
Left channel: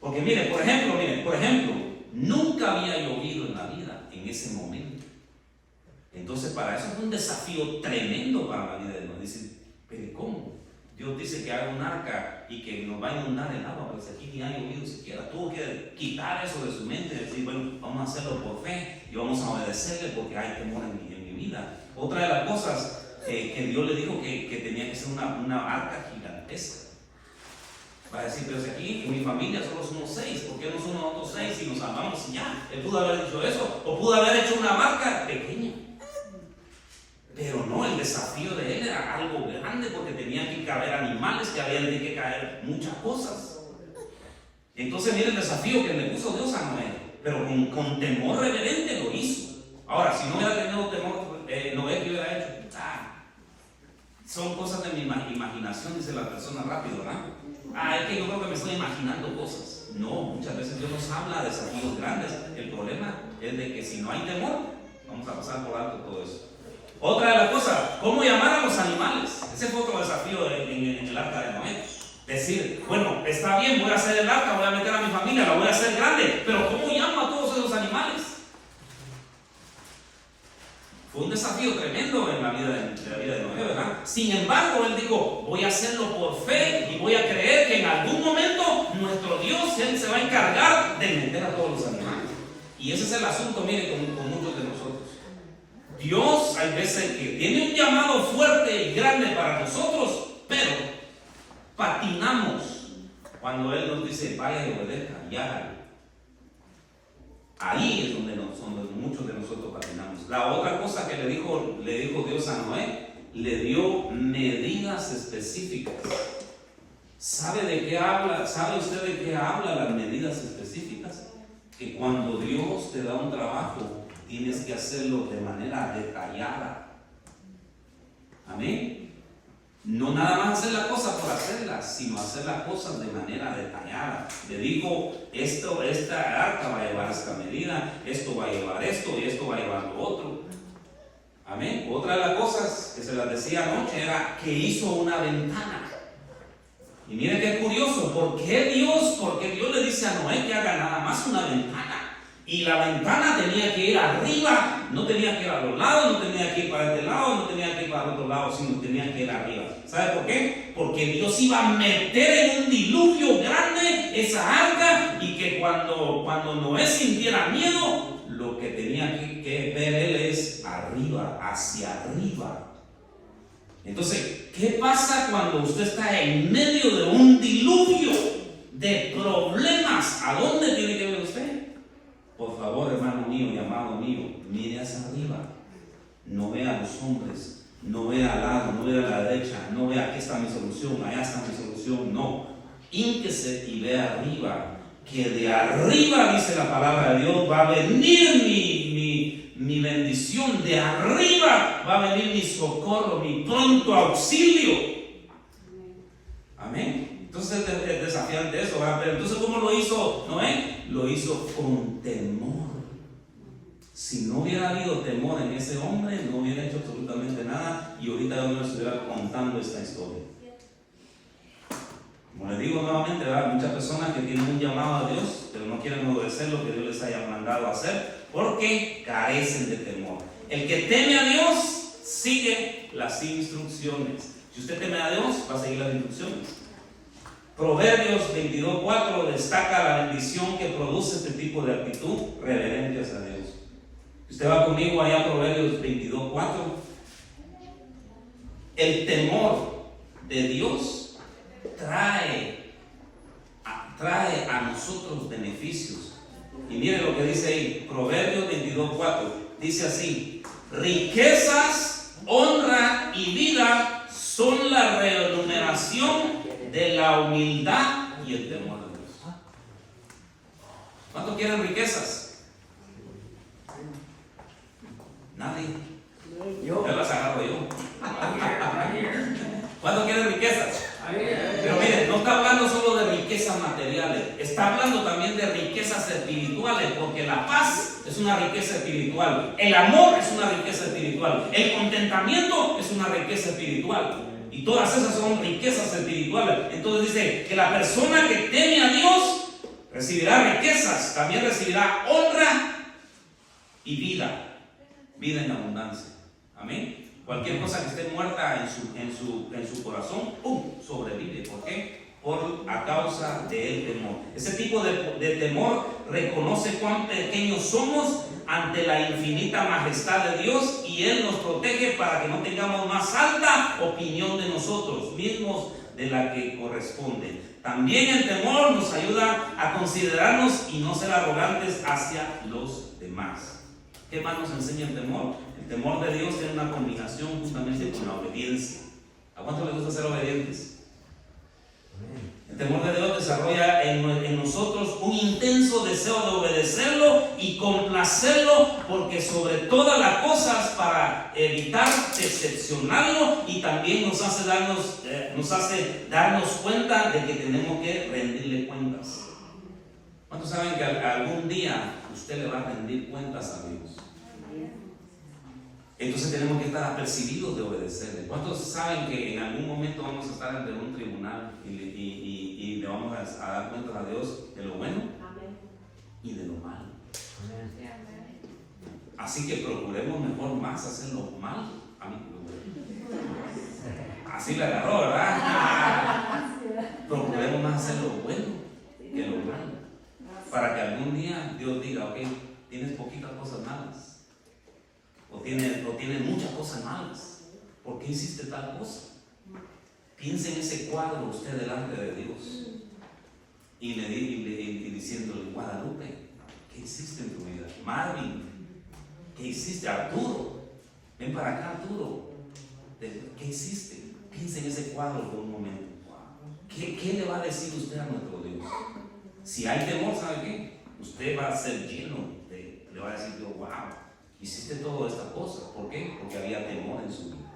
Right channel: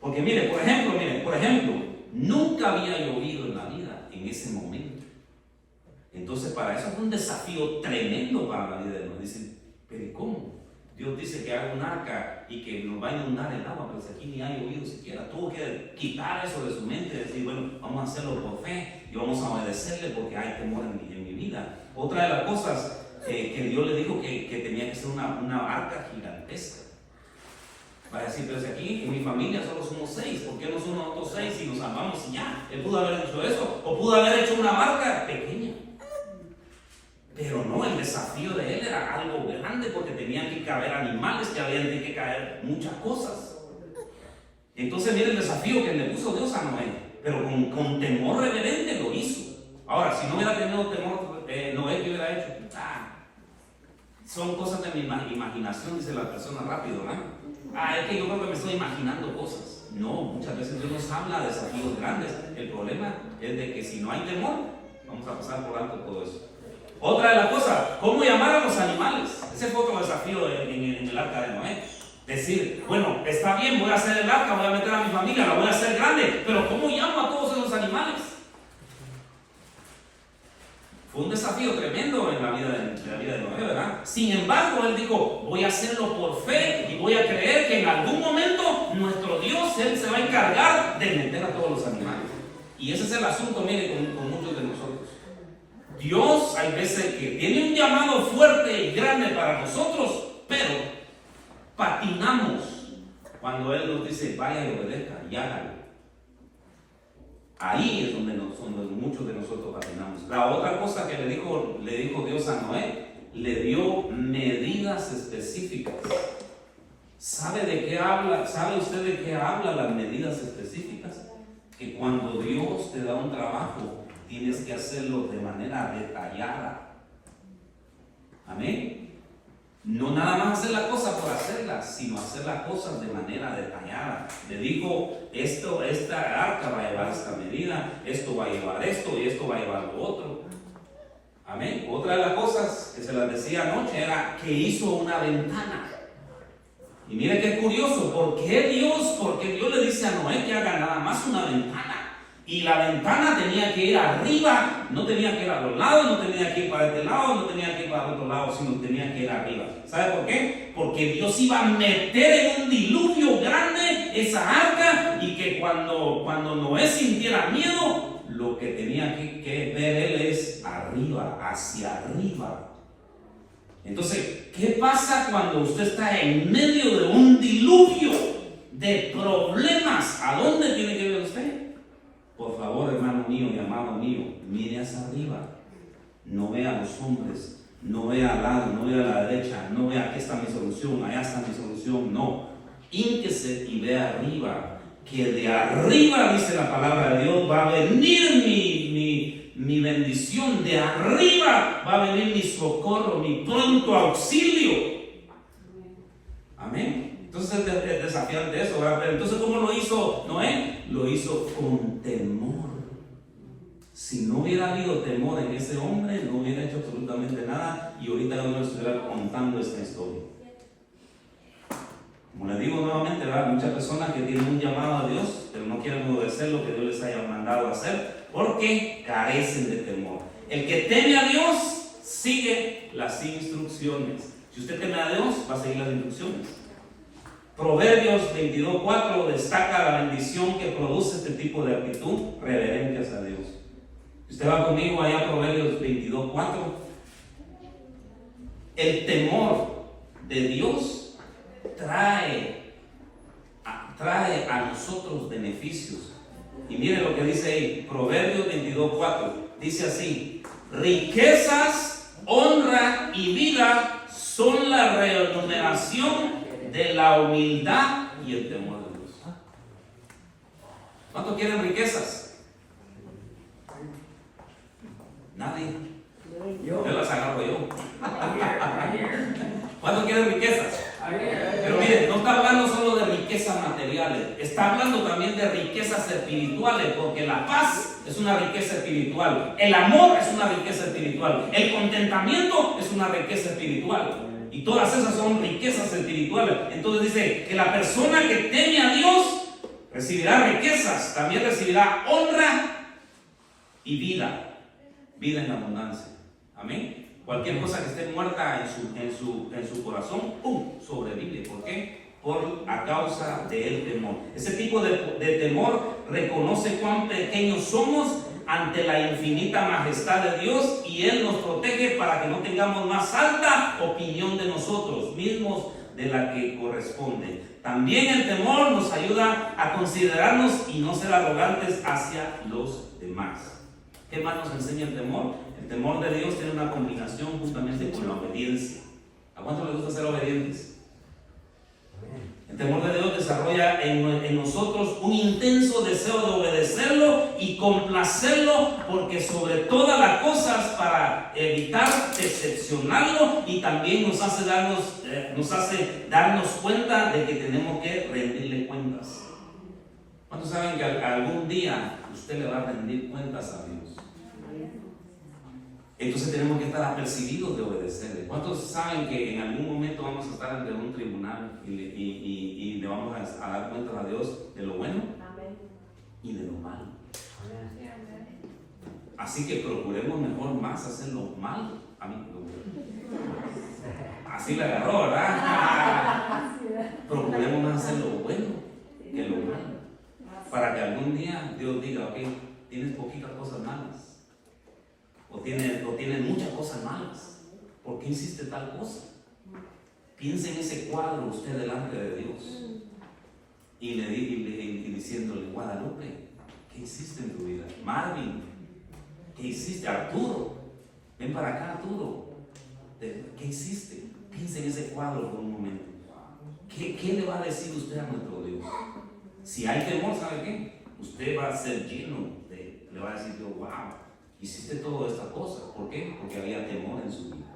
Porque mire, por ejemplo, nunca había llovido en la vida en ese momento. Entonces, para eso fue un desafío tremendo para la vida de Noé. Dice, pero ¿cómo? Dios dice que haga un arca y que nos va a inundar el agua, pero si aquí ni ha llovido siquiera. Tuvo que quitar eso de su mente y decir, bueno, vamos a hacerlo por fe y vamos a obedecerle porque hay temor en mi vida. Otra de las cosas que Dios le dijo que tenía que ser una arca gigantesca. Va a decir, pero si aquí en mi familia solo somos 6, ¿por qué no somos nosotros 6 y nos amamos y ya? Él pudo haber hecho eso, o pudo haber hecho una marca pequeña. Pero no, el desafío de él era algo grande porque tenían que caber animales, que habían de que caer muchas cosas. Entonces mire el desafío que le puso Dios a Noé, pero con temor reverente lo hizo. Ahora, si no hubiera tenido temor, Noé, ¿qué hubiera hecho? Son cosas de mi imaginación, dice la persona rápido, ¿verdad? Es que yo creo que me estoy imaginando cosas. No, muchas veces Dios nos habla de desafíos grandes. El problema es de que si no hay temor, vamos a pasar por alto todo eso. Otra de las cosas, ¿cómo llamar a los animales? Ese fue otro desafío en el arca de Noé. Decir, bueno, está bien, voy a hacer el arca, voy a meter a mi familia, la voy a hacer grande, pero ¿cómo llamo a todos esos animales? Fue un desafío tremendo en la vida de Noé, ¿verdad? Sin embargo, él dijo, voy a hacerlo por fe y voy a creer que en algún momento nuestro Dios, Él se va a encargar de meter a todos los animales. Y ese es el asunto, mire, con muchos de nosotros. Dios hay veces que tiene un llamado fuerte y grande para nosotros, pero patinamos cuando Él nos dice, vaya y obedezca y hágalo. Ahí es donde muchos de nosotros patinamos. La otra cosa que le dijo Dios a Noé, le dio medidas específicas. ¿Sabe de qué habla? ¿Sabe usted de qué habla las medidas específicas? Que cuando Dios te da un trabajo, tienes que hacerlo de manera detallada. Amén. No nada más hacer las cosas por hacerlas, sino hacer las cosas de manera detallada. Le dijo, esta arca va a llevar esta medida, esto va a llevar esto y esto va a llevar lo otro. Amén. Otra de las cosas que se las decía anoche era que hizo una ventana. Y mire qué curioso, ¿por qué Dios le dice a Noé que haga nada más una ventana? Y la ventana tenía que ir arriba, no tenía que ir a los lados, no tenía que ir para este lado, no tenía que ir para el otro lado, sino tenía que ir arriba. ¿Sabe por qué? Porque Dios iba a meter en un diluvio grande esa arca y que cuando Noé sintiera miedo, lo que tenía que ver él es arriba, hacia arriba. Entonces, ¿qué pasa cuando usted está en medio de un diluvio de problemas? ¿A dónde tiene que ver usted? Por favor, hermano mío y amado mío, mire hacia arriba. No vea a los hombres, no vea al lado, no vea a la derecha, no vea aquí está mi solución, allá está mi solución. No, hínquese y vea arriba, que de arriba, dice la palabra de Dios, va a venir mi bendición. De arriba va a venir mi socorro, mi pronto auxilio. Amén. Entonces es desafiante eso, ¿verdad? Pero entonces, ¿cómo lo hizo Noé? Lo hizo con temor. Si no hubiera habido temor en ese hombre, no hubiera hecho absolutamente nada y ahorita yo no les estuviera contando esta historia. Como les digo nuevamente, ¿verdad? Muchas personas que tienen un llamado a Dios, pero no quieren obedecer lo que Dios les haya mandado a hacer porque carecen de temor. El que teme a Dios sigue las instrucciones. Si usted teme a Dios, va a seguir las instrucciones. Proverbios 22:4 destaca la bendición que produce este tipo de actitud reverente hacia Dios. Usted va conmigo allá a Proverbios 22:4. El temor de Dios trae a nosotros beneficios. Y mire lo que dice ahí, Proverbios 22:4. Dice así: riquezas, honra y vida son la remuneración de la humildad y el temor de Dios. ¿Cuántos quieren riquezas? Nadie. Yo las agarro yo. ¿Cuántos quieren riquezas? Pero miren, no está hablando solo de riquezas materiales, está hablando también de riquezas espirituales, porque la paz es una riqueza espiritual, el amor es una riqueza espiritual, el contentamiento es una riqueza espiritual. Y todas esas son riquezas espirituales. Entonces dice que la persona que teme a Dios recibirá riquezas, también recibirá honra y vida en abundancia. Amén. Cualquier cosa que esté muerta en su corazón, ¡pum!, sobrevive. ¿Por qué? A causa del temor. Ese tipo de temor reconoce cuán pequeños somos ante la infinita majestad de Dios y Él nos protege para que no tengamos más alta opinión de nosotros mismos de la que corresponde. También el temor nos ayuda a considerarnos y no ser arrogantes hacia los demás. ¿Qué más nos enseña el temor? El temor de Dios tiene una combinación justamente con la obediencia. ¿A cuánto les gusta ser obedientes? El temor de Dios desarrolla en nosotros un intenso deseo de obedecerlo y complacerlo, porque sobre todas las cosas para evitar decepcionarlo, y también nos hace darnos cuenta de que tenemos que rendirle cuentas. ¿Cuántos saben que algún día usted le va a rendir cuentas a Dios? Entonces tenemos que estar apercibidos de obedecerle. ¿Cuántos saben que en algún momento vamos a estar ante un tribunal y le vamos a dar cuentas a Dios de lo bueno y de lo malo? Así que procuremos mejor más hacer lo malo. A mí, así le agarró, ¿verdad? Procuremos más hacer lo bueno que lo malo, para que algún día Dios diga, ok, tienes poquitas cosas malas. O tienen muchas cosas malas. ¿Por qué hiciste tal cosa? Piense en ese cuadro usted delante de Dios y diciéndole, Guadalupe, ¿qué hiciste en tu vida? Marvin, ¿qué hiciste? Arturo, ven para acá, Arturo, ¿qué hiciste? Piense en ese cuadro por un momento. ¿Qué le va a decir usted a nuestro Dios? Si hay temor, ¿sabe qué? Usted va a ser lleno le va a decir Dios, wow, hiciste todas estas cosas. ¿Por qué? Porque había temor en su vida.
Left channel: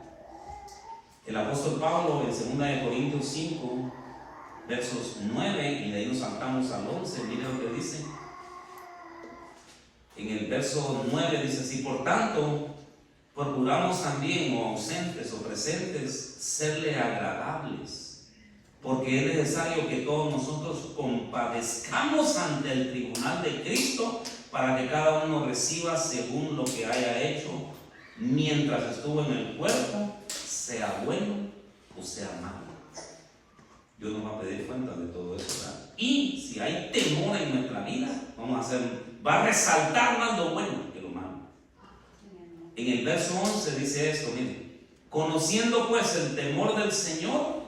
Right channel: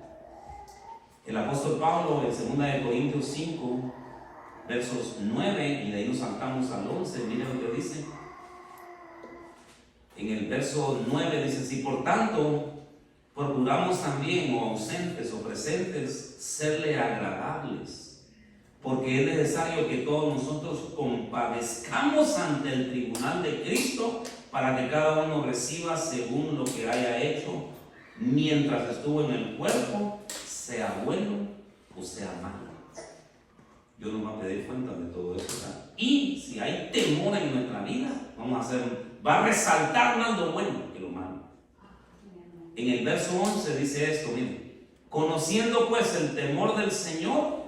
El apóstol Pablo en 2 Corintios 5, versos 9, y de ahí nos saltamos al 11, mire lo que dice. En el verso 9 dice así: por tanto, procuramos también, o ausentes o presentes, serle agradables, porque es necesario que todos nosotros compadezcamos ante el tribunal de Cristo, para que cada uno reciba según lo que haya hecho mientras estuvo en el cuerpo, sea bueno o sea malo. Dios nos va a pedir cuentas de todo eso, ¿verdad? Y si hay temor en nuestra vida, va a resaltar más lo bueno que lo malo. En el verso 11 dice esto, miren: conociendo pues el temor del Señor,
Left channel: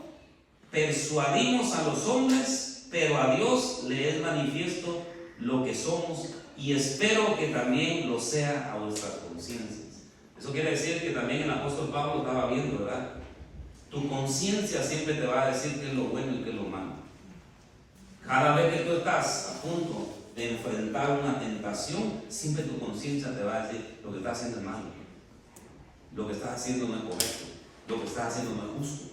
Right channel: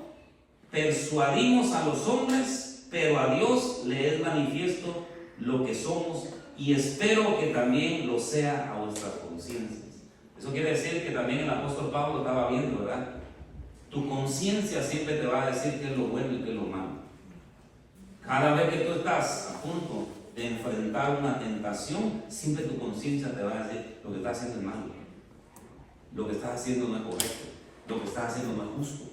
persuadimos a los hombres, pero a Dios le es manifiesto lo que somos, y espero que también lo sea a vuestras conciencias. Eso quiere decir que también el apóstol Pablo estaba viendo, ¿verdad? Tu conciencia siempre te va a decir qué es lo bueno y qué es lo malo. Cada vez que tú estás a punto de enfrentar una tentación, siempre tu conciencia te va a decir lo que estás haciendo es malo, lo que estás haciendo no es correcto, lo que estás haciendo no es justo.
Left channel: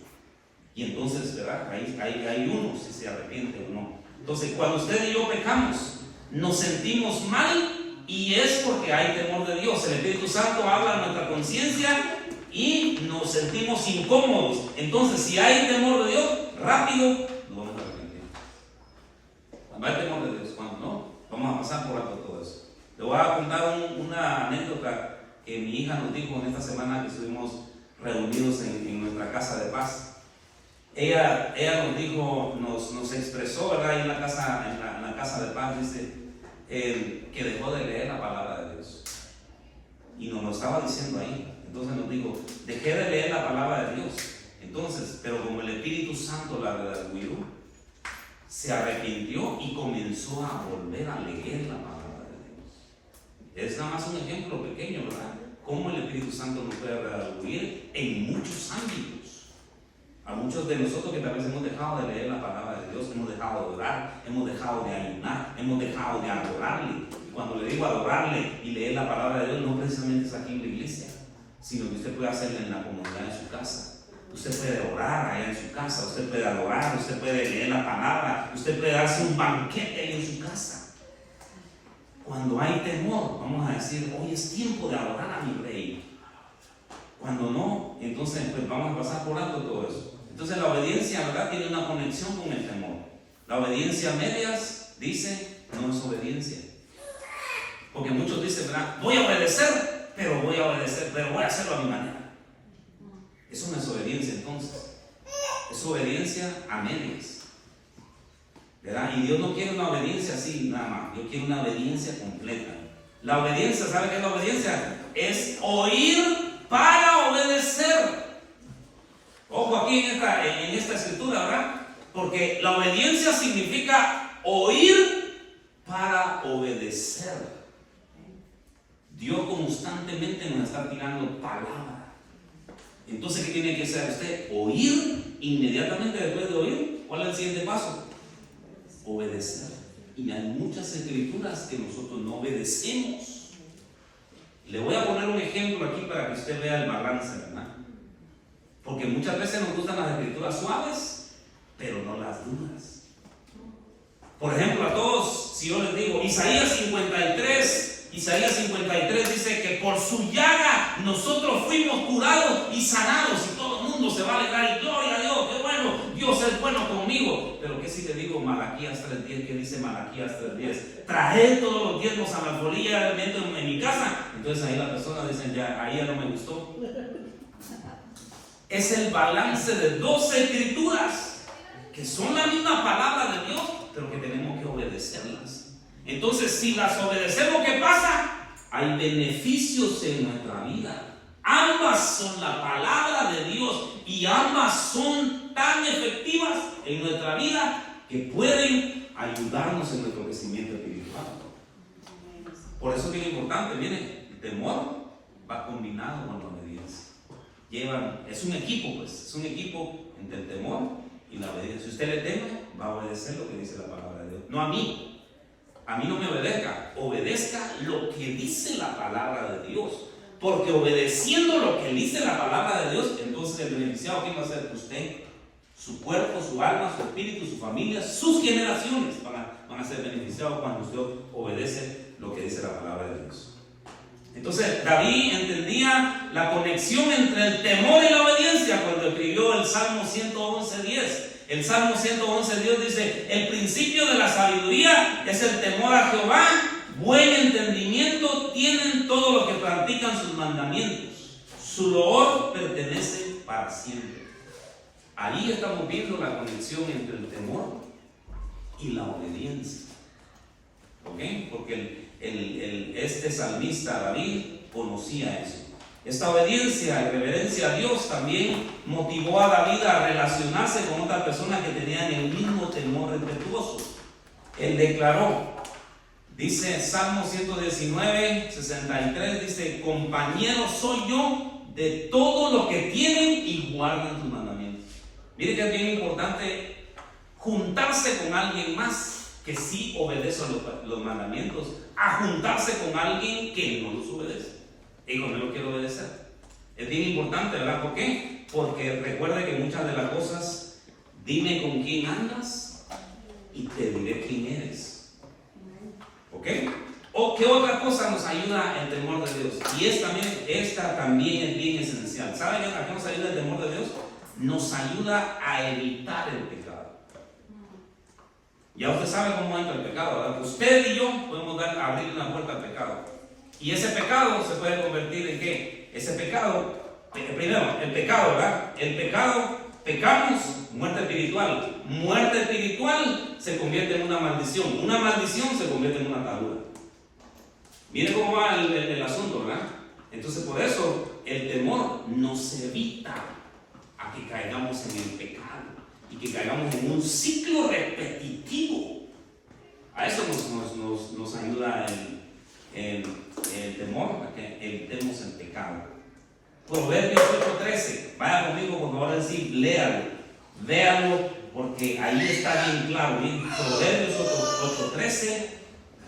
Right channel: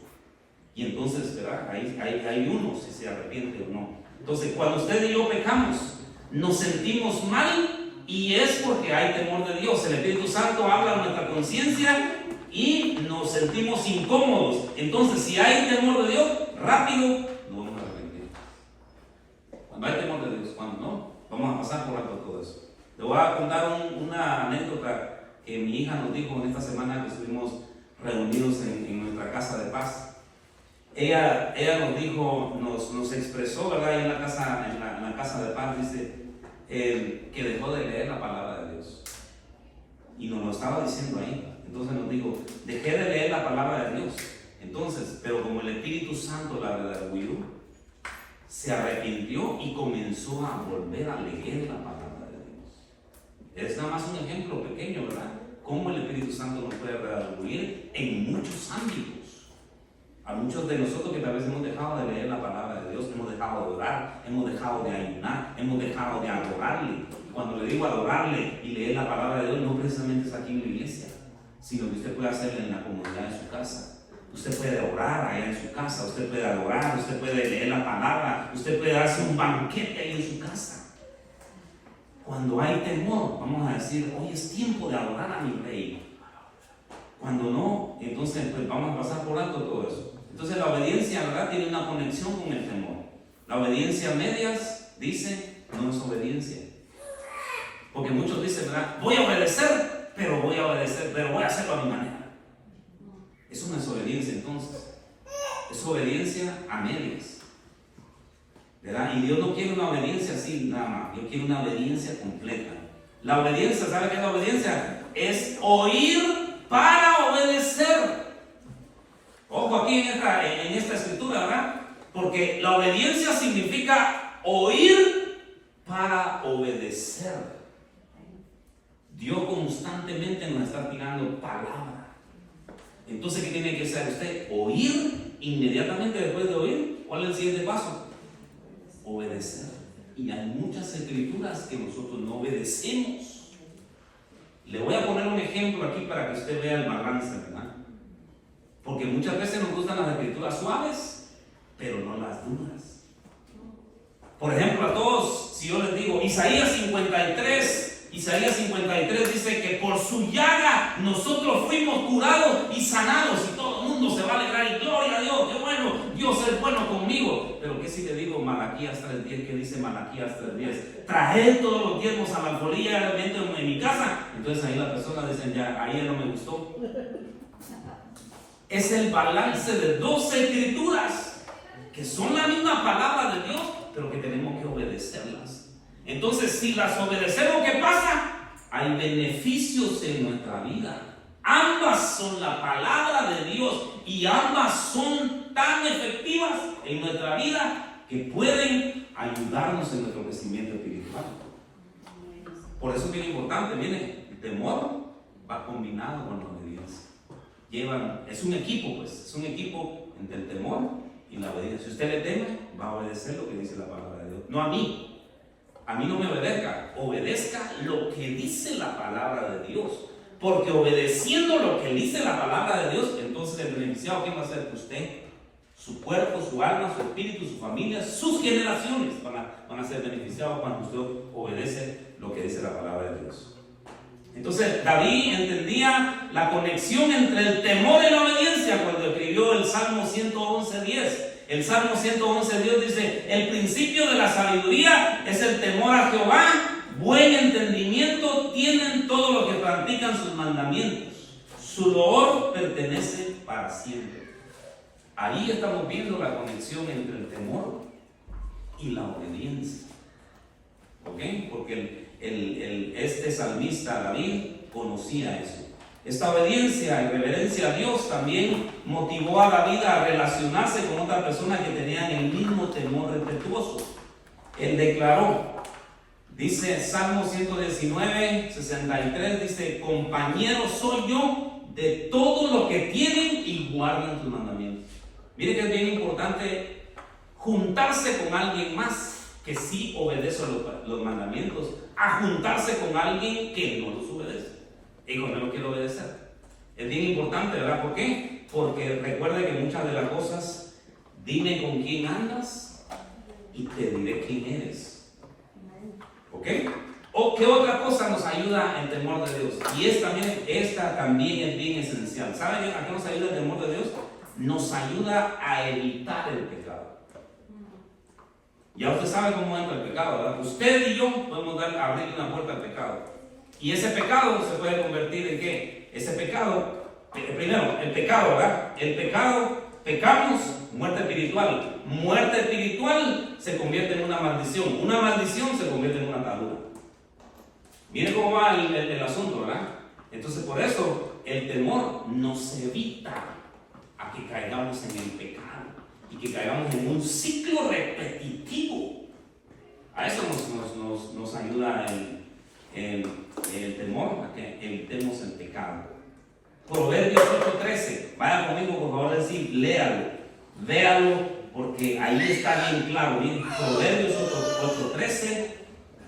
Y entonces, ¿verdad? Hay uno si se arrepiente o no. Entonces, cuando usted y yo pecamos, nos sentimos mal, y es porque hay temor de Dios. El Espíritu Santo habla a nuestra conciencia y nos sentimos incómodos. Entonces, si hay temor de Dios, rápido nos vamos a arrepentir. Cuando hay temor de Dios, cuando no, vamos a pasar por alto todo eso. Le voy a contar una anécdota que mi hija nos dijo en esta semana que estuvimos reunidos en nuestra casa de paz. Ella nos dijo, nos expresó, ¿verdad? Ahí en la casa de paz, dice que dejó de leer la palabra de Dios, y nos lo estaba diciendo ahí. Entonces nos dijo, dejé de leer la palabra de Dios. Entonces, pero como el Espíritu Santo la redarguyó, se arrepintió y comenzó a volver a leer la palabra de Dios. Es nada más un ejemplo pequeño, ¿verdad? Cómo el Espíritu Santo nos puede redarguir en muchos ámbitos. A muchos de nosotros que tal vez hemos dejado de leer la palabra de Dios, hemos dejado de orar, hemos dejado de ayunar, hemos dejado de adorarle. Y cuando le digo adorarle y leer la palabra de Dios, no precisamente es aquí en la iglesia, sino que usted puede hacerlo en la comunidad de su casa. Usted puede orar allá en su casa, usted puede adorar, usted puede leer la palabra, usted puede darse un banquete ahí en su casa. Cuando hay temor, vamos a decir, hoy es tiempo de adorar a mi rey. Cuando no, entonces pues vamos a pasar por alto todo eso. Entonces la obediencia, ¿verdad?, tiene una conexión con el temor. La obediencia a medias, dice, no es obediencia. Porque muchos dicen, ¿verdad?, voy a obedecer, pero voy a hacerlo a mi manera. Eso no es obediencia entonces. Es obediencia a medias, ¿verdad? Y Dios no quiere una obediencia así nada más. Dios quiere una obediencia completa. La obediencia, ¿sabe qué es la obediencia? Es oír para obedecer. Ojo aquí en esta escritura, ¿verdad? Porque la obediencia significa oír para obedecer. Dios constantemente nos está tirando palabra. Entonces, ¿qué tiene que hacer usted? Oír inmediatamente después de oír. ¿Cuál es el siguiente paso? Obedecer. Y hay muchas escrituras que nosotros no obedecemos. Le voy a poner un ejemplo aquí para que usted vea el balance, ¿verdad? Porque muchas veces nos gustan las escrituras suaves, pero no las duras. Por ejemplo, a todos, si yo les digo, Isaías 53 dice que por su llaga nosotros fuimos curados y sanados, y todo el mundo se va a alegrar y gloria a Dios, qué bueno, Dios es bueno conmigo. Pero ¿qué si te digo Malaquías 3:10? ¿Qué dice Malaquías 3:10? Traje todos los diezmos a la alfolía en mi casa. Entonces ahí las personas dicen, ya, ahí ya no me gustó. Es el balance de dos escrituras que son la misma palabra de Dios, pero que tenemos que obedecerlas. Entonces, si las obedecemos, ¿qué pasa? Hay beneficios en nuestra vida. Ambas son la palabra de Dios y ambas son tan efectivas en nuestra vida que pueden ayudarnos en nuestro crecimiento espiritual. Por eso es bien importante, mire, el temor va combinado con la obediencia. Es un equipo, pues, es un equipo entre el temor y la obediencia. Si usted le teme, va a obedecer lo que dice la palabra de Dios. No a mí. A mí no me obedezca lo que dice la palabra de Dios. Porque obedeciendo lo que dice la palabra de Dios, entonces el beneficiado, ¿quién va a ser? Usted, su cuerpo, su alma, su espíritu, su familia, sus generaciones van a ser beneficiados cuando usted obedece lo que dice la palabra de Dios. Entonces David entendía la conexión entre el temor y la obediencia cuando escribió el Salmo 111:10. El Salmo 111:10 dice: el principio de la sabiduría es el temor a Jehová, buen entendimiento tienen todos los que practican sus mandamientos, su loor pertenece para siempre. Ahí estamos viendo la conexión entre el temor y la obediencia. ¿Ok? Porque este salmista David conocía eso. Esta obediencia y reverencia a Dios también motivó a David a relacionarse con otras personas que tenían el mismo temor respetuoso. Él declaró, dice Salmo 119:63, dice: compañero soy yo de todos los que tienen y guardan tus mandamientos. Mire que es bien importante juntarse con alguien más que sí obedece los mandamientos, a juntarse con alguien que no los obedece y con él lo quiere obedecer. Es bien importante, ¿verdad? ¿Por qué? Porque recuerde que muchas de las cosas, dime con quién andas y te diré quién eres. ¿Ok? ¿O qué otra cosa nos ayuda el temor de Dios? Y esta también es bien esencial. ¿Saben a qué nos ayuda el temor de Dios? Nos ayuda a evitar el pecado. Ya usted sabe cómo entra el pecado, ¿verdad? Usted y yo podemos abrir una puerta al pecado. Y ese pecado se puede convertir en ¿qué? Ese pecado, primero, el pecado, ¿verdad? El pecado, pecamos, muerte espiritual. Muerte espiritual se convierte en una maldición. Una maldición se convierte en una atadura. Mire cómo va el asunto, ¿verdad? Entonces, por eso, el temor nos evita a que caigamos en el pecado y que caigamos en un ciclo repetitivo. A eso nos ayuda el temor, a que evitemos el pecado. Proverbios 8:13. Vaya conmigo, por favor, decir, léalo, véalo, porque ahí está bien claro. Bien. Proverbios 8:13.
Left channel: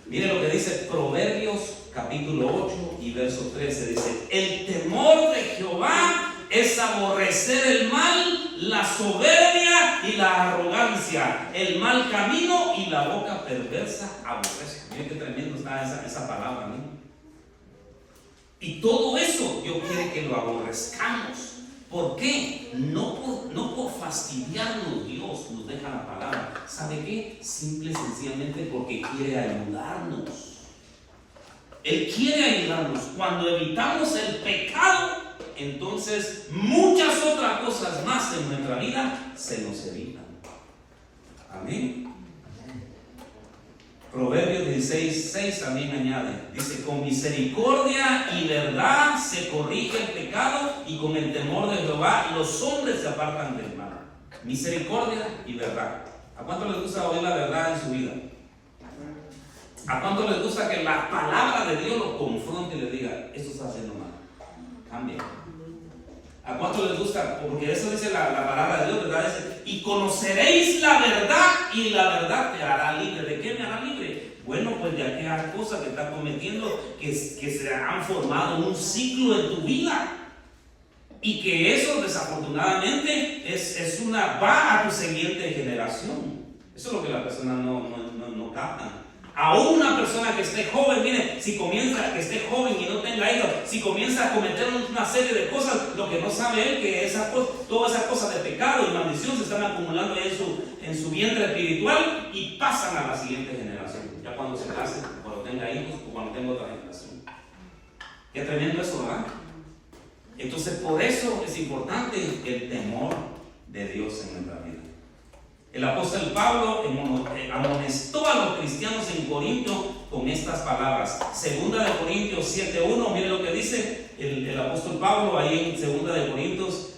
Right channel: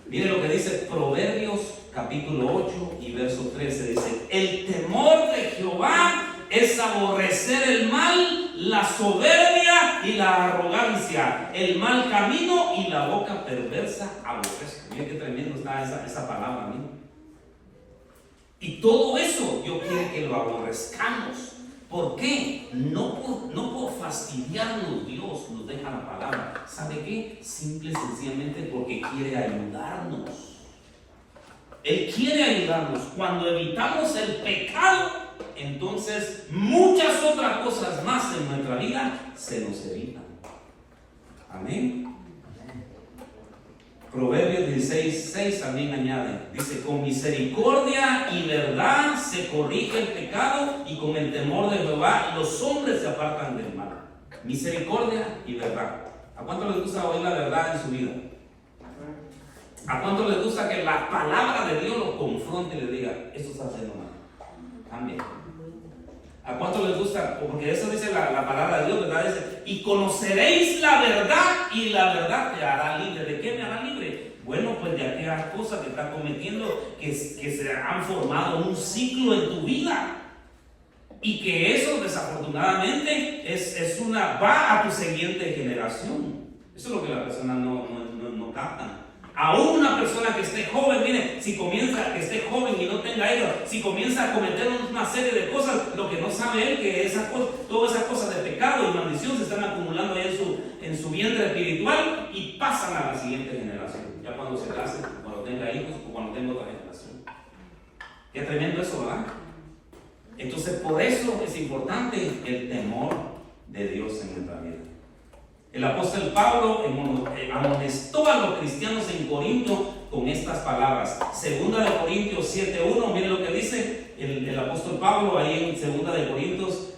Mire lo que dice Proverbios capítulo 8 y verso 13. Dice: el temor de Jehová es aborrecer el mal, la soberbia y la arrogancia, el mal camino y la boca perversa aborrece. Miren qué tremendo está esa palabra, ¿no? Y todo eso Dios quiere que lo aborrezcamos. ¿Por qué? No por fastidiarnos Dios nos deja la palabra. ¿Sabe qué? Simple y sencillamente porque quiere ayudarnos. Él quiere ayudarnos. Cuando evitamos el pecado, entonces muchas otras cosas más en nuestra vida se nos evitan. Amén. Proverbios 16:6 también añade, dice, con misericordia y verdad se corrige el pecado y con el temor de Jehová los hombres se apartan del mal. Misericordia y verdad. ¿A cuánto les gusta oír la verdad en su vida? ¿A cuánto les gusta que la palabra de Dios lo confronte y le diga, esto está haciendo mal? Cambia. ¿A cuánto les gusta? Porque eso dice la palabra de Dios, ¿verdad? Dice, y conoceréis la verdad y la verdad te hará libre. ¿De qué me hará libre? Bueno, pues de aquellas cosas que estás cometiendo que se han formado un ciclo en tu vida. Y que eso desafortunadamente va a tu siguiente generación. Eso es lo que las personas no captan. Aún una persona que esté joven, mire, que esté joven y no tenga hijos, si comienza a cometer una serie de cosas, lo que no sabe él, que todas esas cosas de pecado y maldición se están acumulando ya en su vientre espiritual y pasan a la siguiente generación. Ya cuando se case, cuando tenga hijos o cuando tenga otra generación. Qué tremendo eso, ¿verdad? Entonces, por eso es importante el temor de Dios en nuestra vida. El apóstol Pablo amonestó a los cristianos en Corinto con estas palabras. Segunda de Corintios 7:1, miren lo que dice el apóstol Pablo ahí en Segunda de Corintios,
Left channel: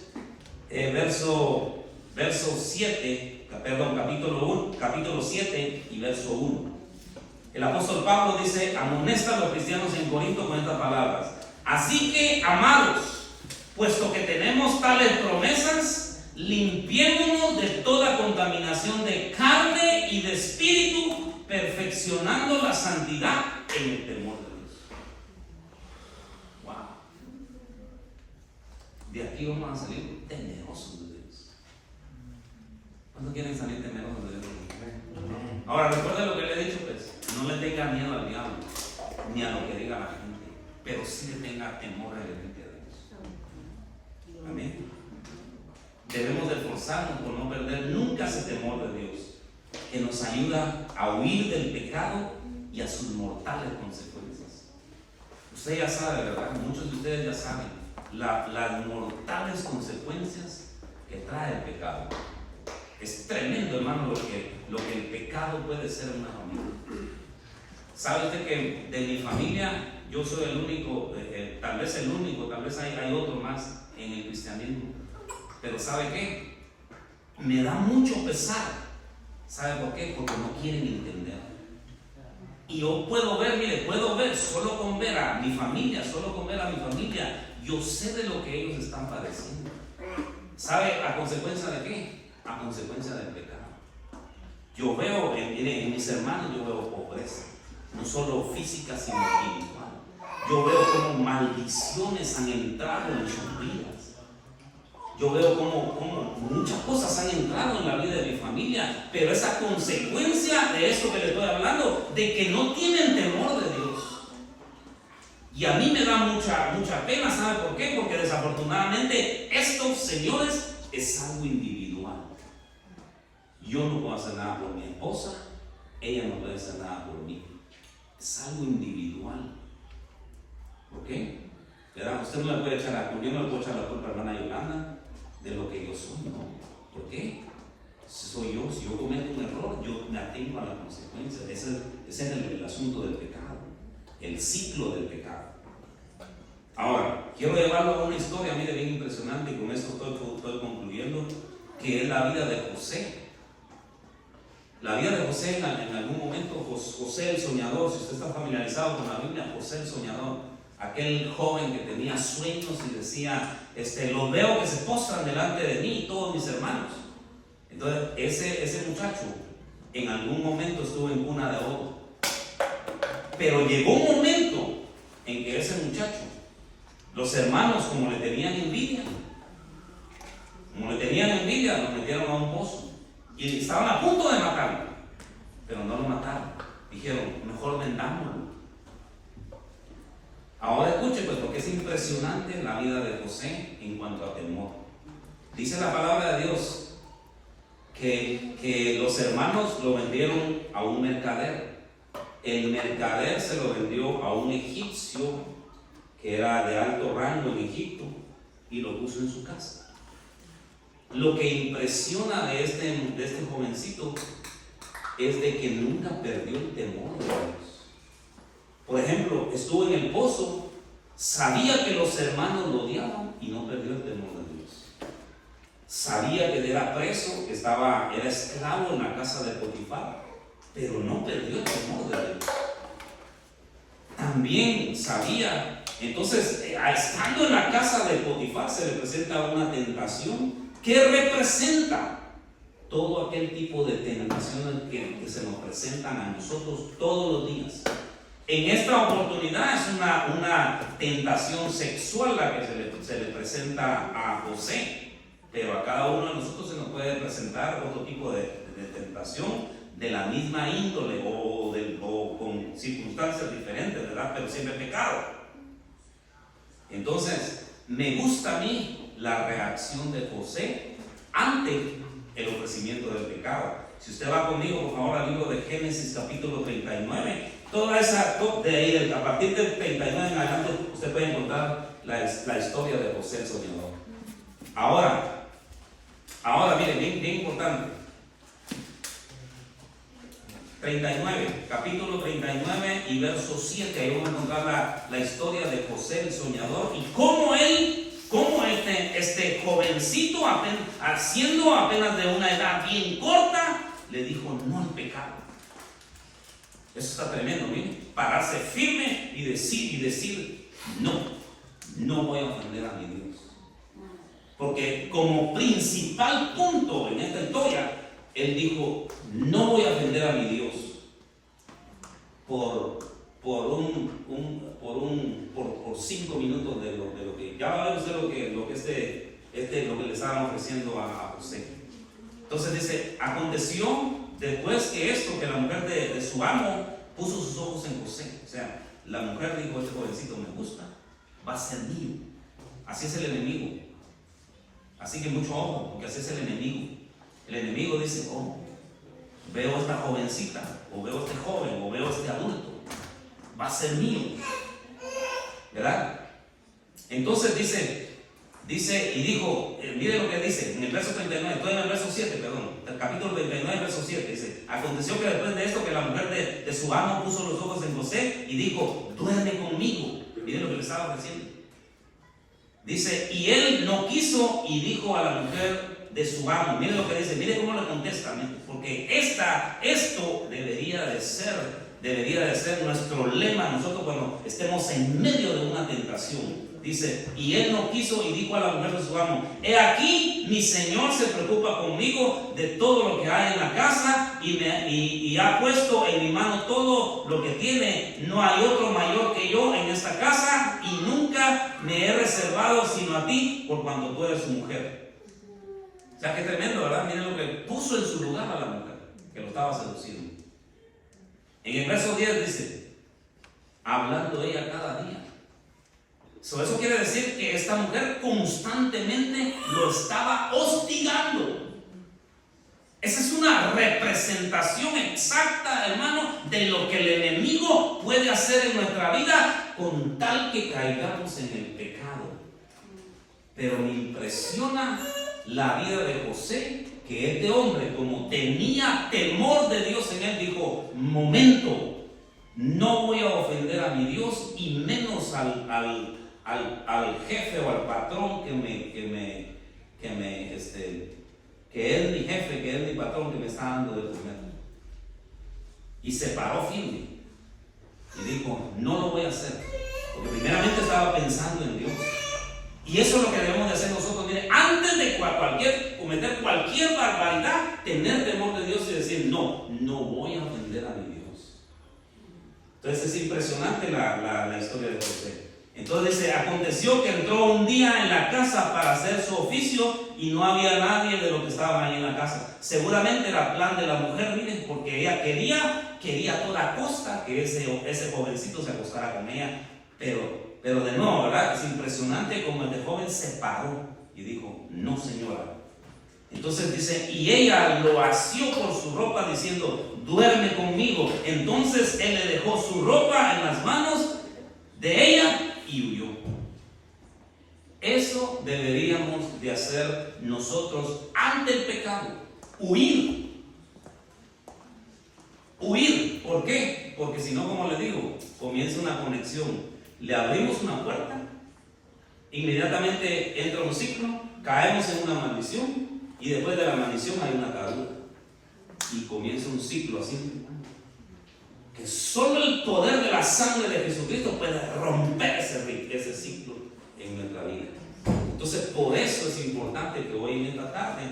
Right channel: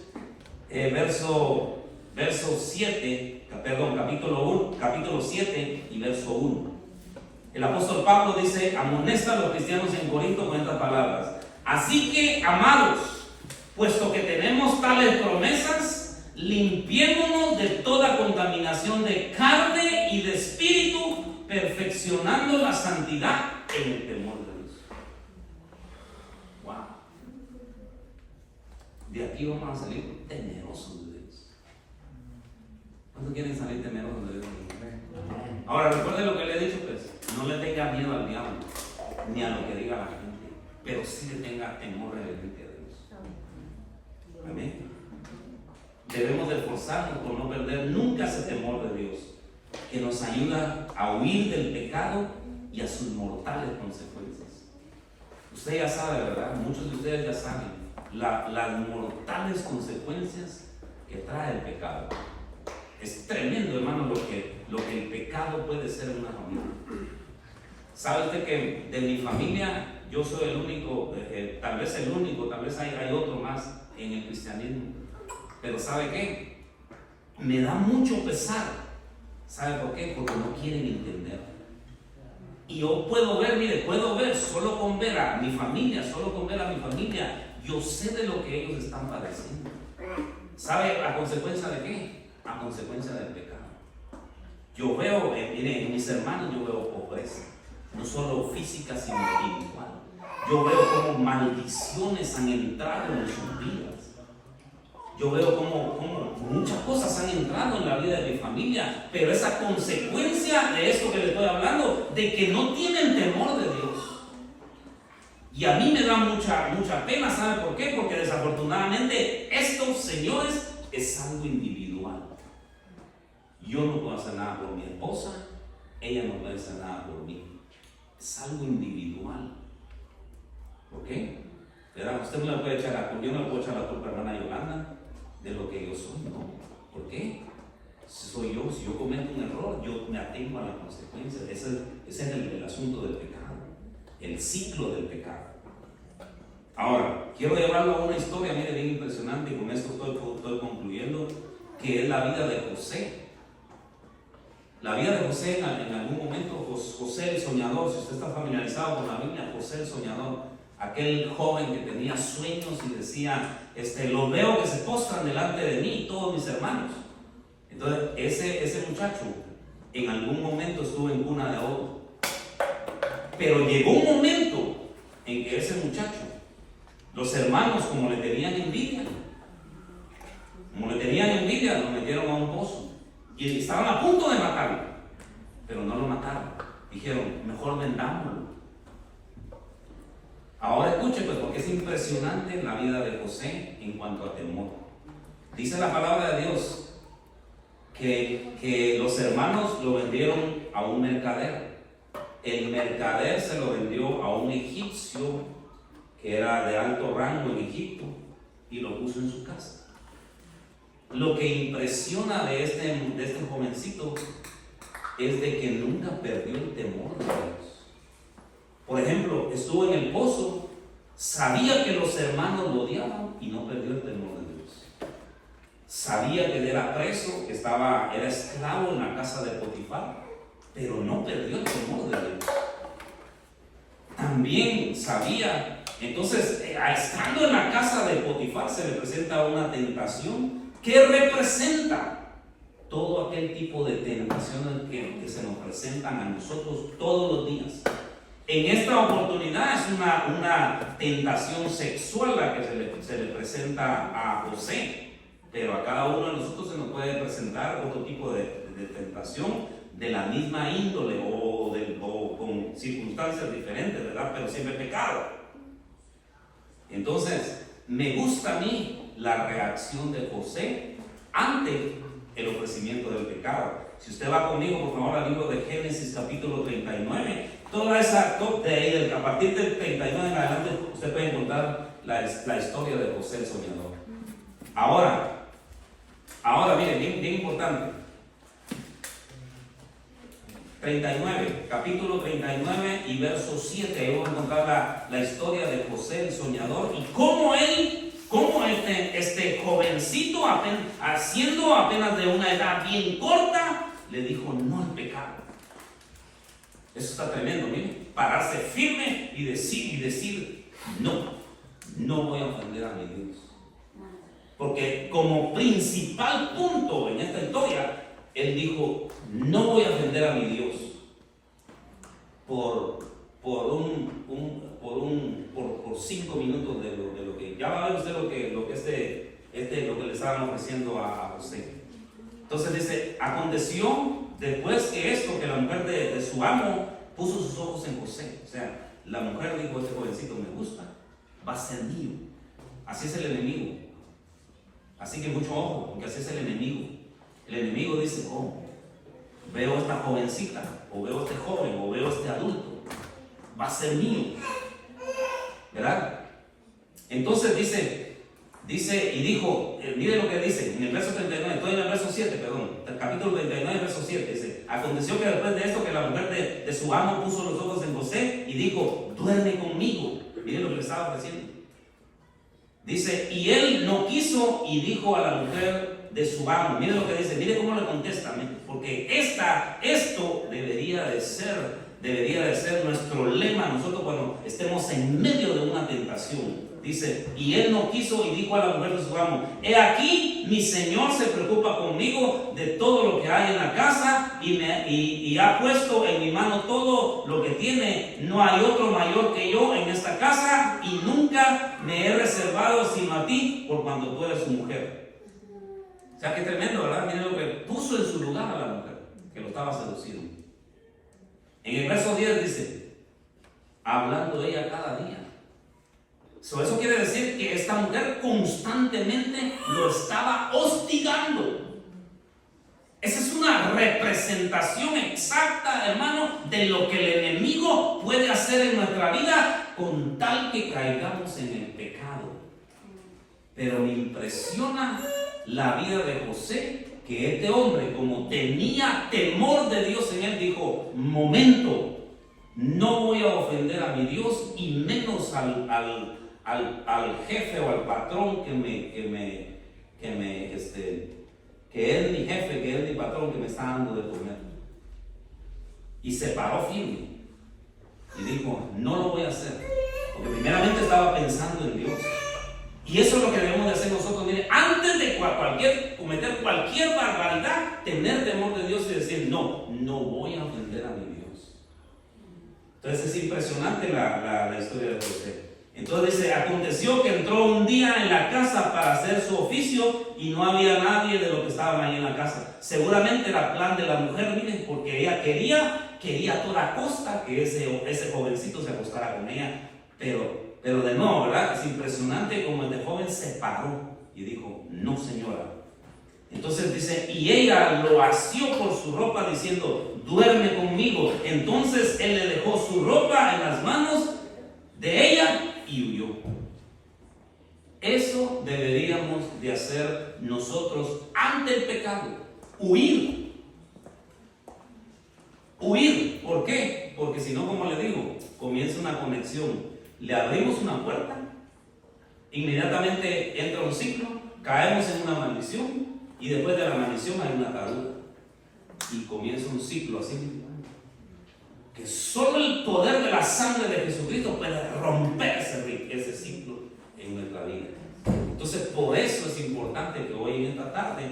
capítulo 7 y verso 1. El apóstol Pablo dice, amonesta a los cristianos en Corinto con estas palabras. Así que, amados, puesto que tenemos tales promesas, limpiémonos de toda contaminación de carne y de espíritu, perfeccionando la santidad en el temor de Dios. Wow. De aquí vamos a salir temerosos de Dios. ¿Cuántos quieren salir temerosos de Dios? Ahora, recuerden lo que le he dicho, pues, no le tenga miedo al diablo, ni a lo que diga la gente, pero sí le tenga temor reverente a Dios. Amén. Debemos de esforzarnos por no perder nunca ese temor de Dios, que nos ayuda a huir del pecado y a sus mortales consecuencias. Usted ya sabe, ¿verdad? Muchos de ustedes ya saben las mortales consecuencias que trae el pecado. Es tremendo, hermano, lo que el pecado puede ser en una familia. ¿Sabe usted que de mi familia yo soy el único, tal vez el único, tal vez hay otro más en el cristianismo? Pero ¿sabe qué? Me da mucho pesar. ¿Sabe por qué? Porque no quieren entender. Y yo puedo ver, solo con ver a mi familia, yo sé de lo que ellos están padeciendo. ¿Sabe a consecuencia de qué? A consecuencia del pecado. Yo veo, en mis hermanos, yo veo pobreza, no solo física, sino espiritual. Yo veo como maldiciones han entrado en sus vidas. Yo veo como muchas cosas han entrado en la vida de mi familia, pero esa consecuencia de esto que le estoy hablando, de que no tienen temor de Dios. Y a mí me da mucha pena, ¿sabe por qué? Porque desafortunadamente esto, señores, es algo individual. Yo no puedo hacer nada por mi esposa, ella no puede hacer nada por mí. Es algo individual. ¿Ok? ¿Verdad? Usted no le puede echar la culpa, yo no le puedo echar la culpa a hermana Yolanda de lo que yo soy, ¿no? ¿Por qué? Si yo cometo un error, yo me atengo a las consecuencias. Ese es el asunto del pecado, el ciclo del pecado. Ahora, quiero llevarlo a una historia, mire, bien impresionante, y con esto estoy concluyendo, que es la vida de José. La vida de José, en algún momento, José el soñador, si usted está familiarizado con la Biblia, José el soñador, aquel joven que tenía sueños y decía, lo veo que se postran delante de mí todos mis hermanos. Entonces ese muchacho en algún momento estuvo en cuna de oro, pero llegó un momento en que ese muchacho, los hermanos, como le tenían envidia, lo metieron a un pozo y estaban a punto de matarlo, pero no lo mataron. Dijeron, mejor vendámoslo. Ahora escuche, pues, porque es impresionante la vida de José en cuanto a temor. Dice la palabra de Dios que los hermanos lo vendieron a un mercader. El mercader se lo vendió a un egipcio que era de alto rango en Egipto y lo puso en su casa. Lo que impresiona de este jovencito es de que nunca perdió el temor de Dios. Por ejemplo, estuvo en el pozo, sabía que los hermanos lo odiaban y no perdió el temor de Dios. Sabía que era preso, que era esclavo en la casa de Potifar, pero no perdió el temor de Dios. También sabía, entonces, estando en la casa de Potifar se le presenta una tentación que representa todo aquel tipo de tentaciones que se nos presentan a nosotros todos los días. En esta oportunidad es una tentación sexual la que se le presenta a José, pero a cada uno de nosotros se nos puede presentar otro tipo de tentación de la misma índole o con circunstancias diferentes, ¿verdad? Pero siempre pecado. Entonces, me gusta a mí la reacción de José ante el ofrecimiento del pecado. Si usted va conmigo, por favor, al libro de Génesis capítulo 39, de ahí, a partir del 39 en adelante, usted puede encontrar la historia de José el soñador. Ahora miren, bien importante. 39, capítulo 39 y verso 7, ahí vamos a encontrar la historia de José el soñador y cómo este jovencito, siendo apenas de una edad bien corta, le dijo no al pecado. Eso está tremendo, miren, pararse firme y decir no voy a ofender a mi Dios. Porque como principal punto en esta historia, él dijo, no voy a ofender a mi Dios por 5 minutos de lo que ya va a ver usted lo que le estaban ofreciendo a José. Entonces dice, aconteció después que esto, que la mujer de su amo puso sus ojos en José. O sea, la mujer dijo, este jovencito me gusta, va a ser mío. Así es el enemigo. Así que mucho ojo, porque así es el enemigo. El enemigo dice, veo esta jovencita, o veo este joven, o veo este adulto, va a ser mío, ¿verdad? Entonces dice y dijo, mire lo que dice en el verso 39, estoy en el verso 7, perdón, el capítulo 39, verso 7, dice, aconteció que después de esto que la mujer de su amo puso los ojos en José y dijo, duerme conmigo. Mire lo que le estaba ofreciendo. Dice, y él no quiso y dijo a la mujer de su amo, mire lo que dice, mire cómo le contesta, porque esto debería de ser nuestro lema nosotros cuando estemos en medio de una tentación. Dice, y él no quiso y dijo a la mujer de su amo, he aquí mi señor se preocupa conmigo de todo lo que hay en la casa y ha puesto en mi mano todo lo que tiene. No hay otro mayor que yo en esta casa y nunca me he reservado sino a ti por cuando tú eres su mujer. O sea, qué tremendo, ¿verdad? Miren lo que puso en su lugar a la mujer que lo estaba seduciendo. En el verso 10 dice, hablando ella cada día. Eso quiere decir que esta mujer constantemente lo estaba hostigando. Esa es una representación exacta, hermano, de lo que el enemigo puede hacer en nuestra vida con tal que caigamos en el pecado. Pero me impresiona la vida de José, que este hombre, como tenía temor de Dios en él, dijo, momento, no voy a ofender a mi Dios y menos al jefe o al patrón que es mi jefe, que es mi patrón, que me está dando de comer. Y se paró firme y dijo, no lo voy a hacer, porque primeramente estaba pensando en Dios. Y eso es lo que debemos de hacer nosotros. Mire, antes de cometer cualquier barbaridad, tener temor de Dios y decir, no voy a ofender a mi Dios. Entonces es impresionante la historia de José. Entonces dice, aconteció que entró un día en la casa para hacer su oficio y no había nadie de los que estaban ahí en la casa. Seguramente era plan de la mujer, miren, porque ella quería a toda costa que ese jovencito se acostara con ella. Pero de nuevo, ¿verdad? Es impresionante como este joven se paró y dijo, no señora. Entonces dice, y ella lo asió por su ropa diciendo, duerme conmigo. Entonces él le dejó su ropa en las manos de ella y huyó. Eso deberíamos de hacer nosotros ante el pecado, huir. Porque si no, como le digo, comienza una conexión. Le abrimos una puerta, inmediatamente entra un ciclo, caemos en una maldición y después de la maldición hay una atadura. Y comienza un ciclo así. Que solo el poder de la sangre de Jesucristo puede romper ese ciclo en nuestra vida. Entonces, por eso es importante que hoy en esta tarde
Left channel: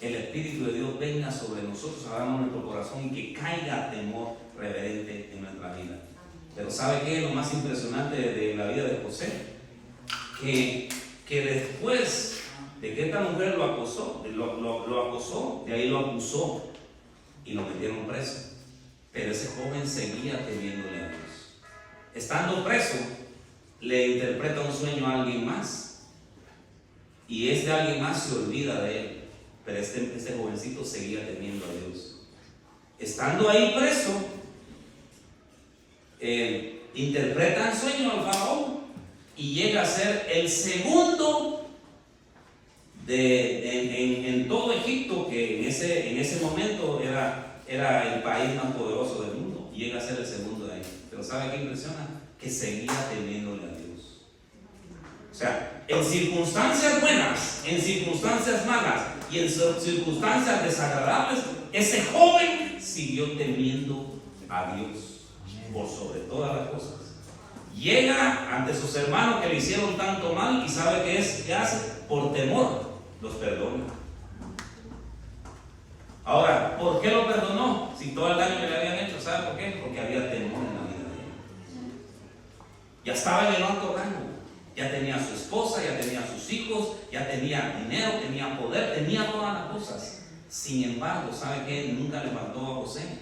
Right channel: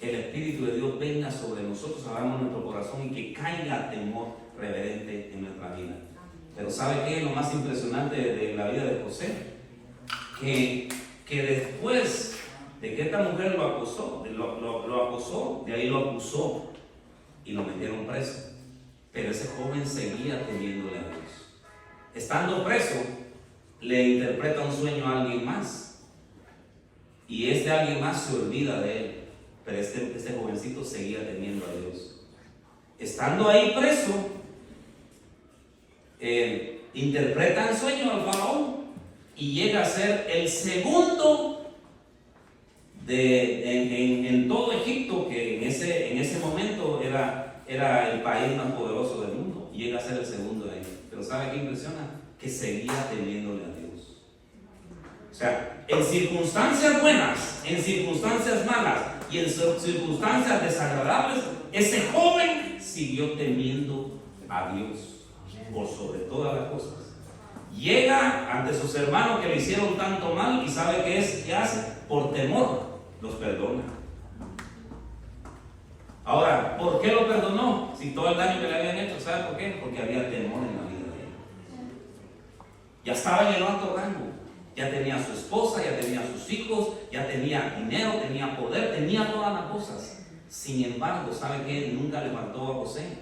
el Espíritu de Dios venga sobre nosotros, abramos nuestro corazón y que caiga temor reverente en nuestra vida. Pero ¿sabe qué es lo más impresionante de la vida de José? Que después de que esta mujer lo acosó, de ahí lo acusó y lo metieron preso. Pero ese joven seguía temiéndole a Dios. Estando preso, le interpreta un sueño a alguien más. Y este alguien más se olvida de él. Pero este jovencito seguía temiendo a Dios. Estando ahí preso, interpreta el sueño al faraón y llega a ser el segundo en todo Egipto, que en ese momento era el país más poderoso del mundo. Llega a ser el segundo de ahí. Pero ¿sabe qué impresiona? Que seguía temiéndole a Dios. O sea, en circunstancias buenas, en circunstancias malas y en circunstancias desagradables, ese joven siguió temiendo a Dios por sobre todas las cosas. Llega ante sus hermanos que le hicieron tanto mal y ¿sabe qué hace? Por temor los perdona. Ahora, ¿por qué lo perdonó? Si todo el daño que le habían hecho, ¿sabe por qué? Porque había temor en la vida de él. Ya estaba en el alto rango, ya tenía a su esposa, ya tenía a sus hijos, ya tenía dinero, tenía poder, tenía todas las cosas. Sin embargo, ¿sabe qué? Nunca le faltó a José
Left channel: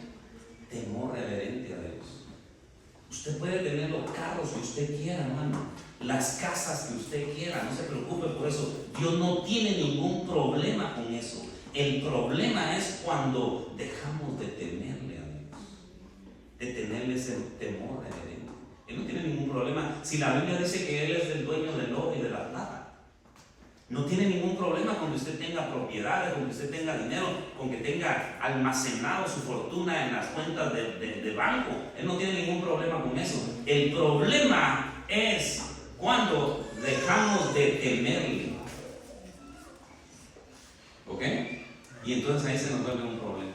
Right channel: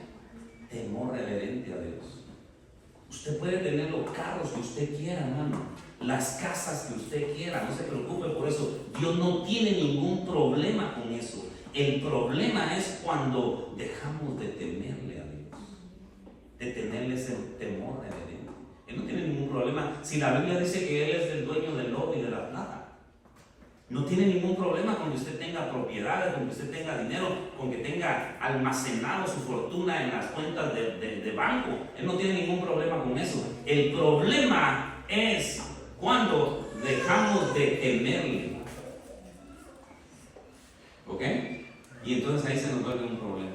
temor reverente a Dios. Usted puede tener los carros que usted quiera, hermano, las casas que usted quiera, no se preocupe por eso. Dios no tiene ningún problema con eso. El problema es cuando dejamos de temerle a Dios, de tenerle ese temor reverente. Él no tiene ningún problema. Si la Biblia dice que Él es el dueño del oro y de la plata, no tiene ningún problema con que usted tenga propiedades, con que usted tenga dinero, con que tenga almacenado su fortuna en las cuentas de banco. Él no tiene ningún problema con eso. El problema es cuando dejamos de temerle. ¿Ok? Y entonces ahí se nos vuelve un problema.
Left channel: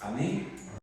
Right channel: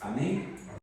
Amén.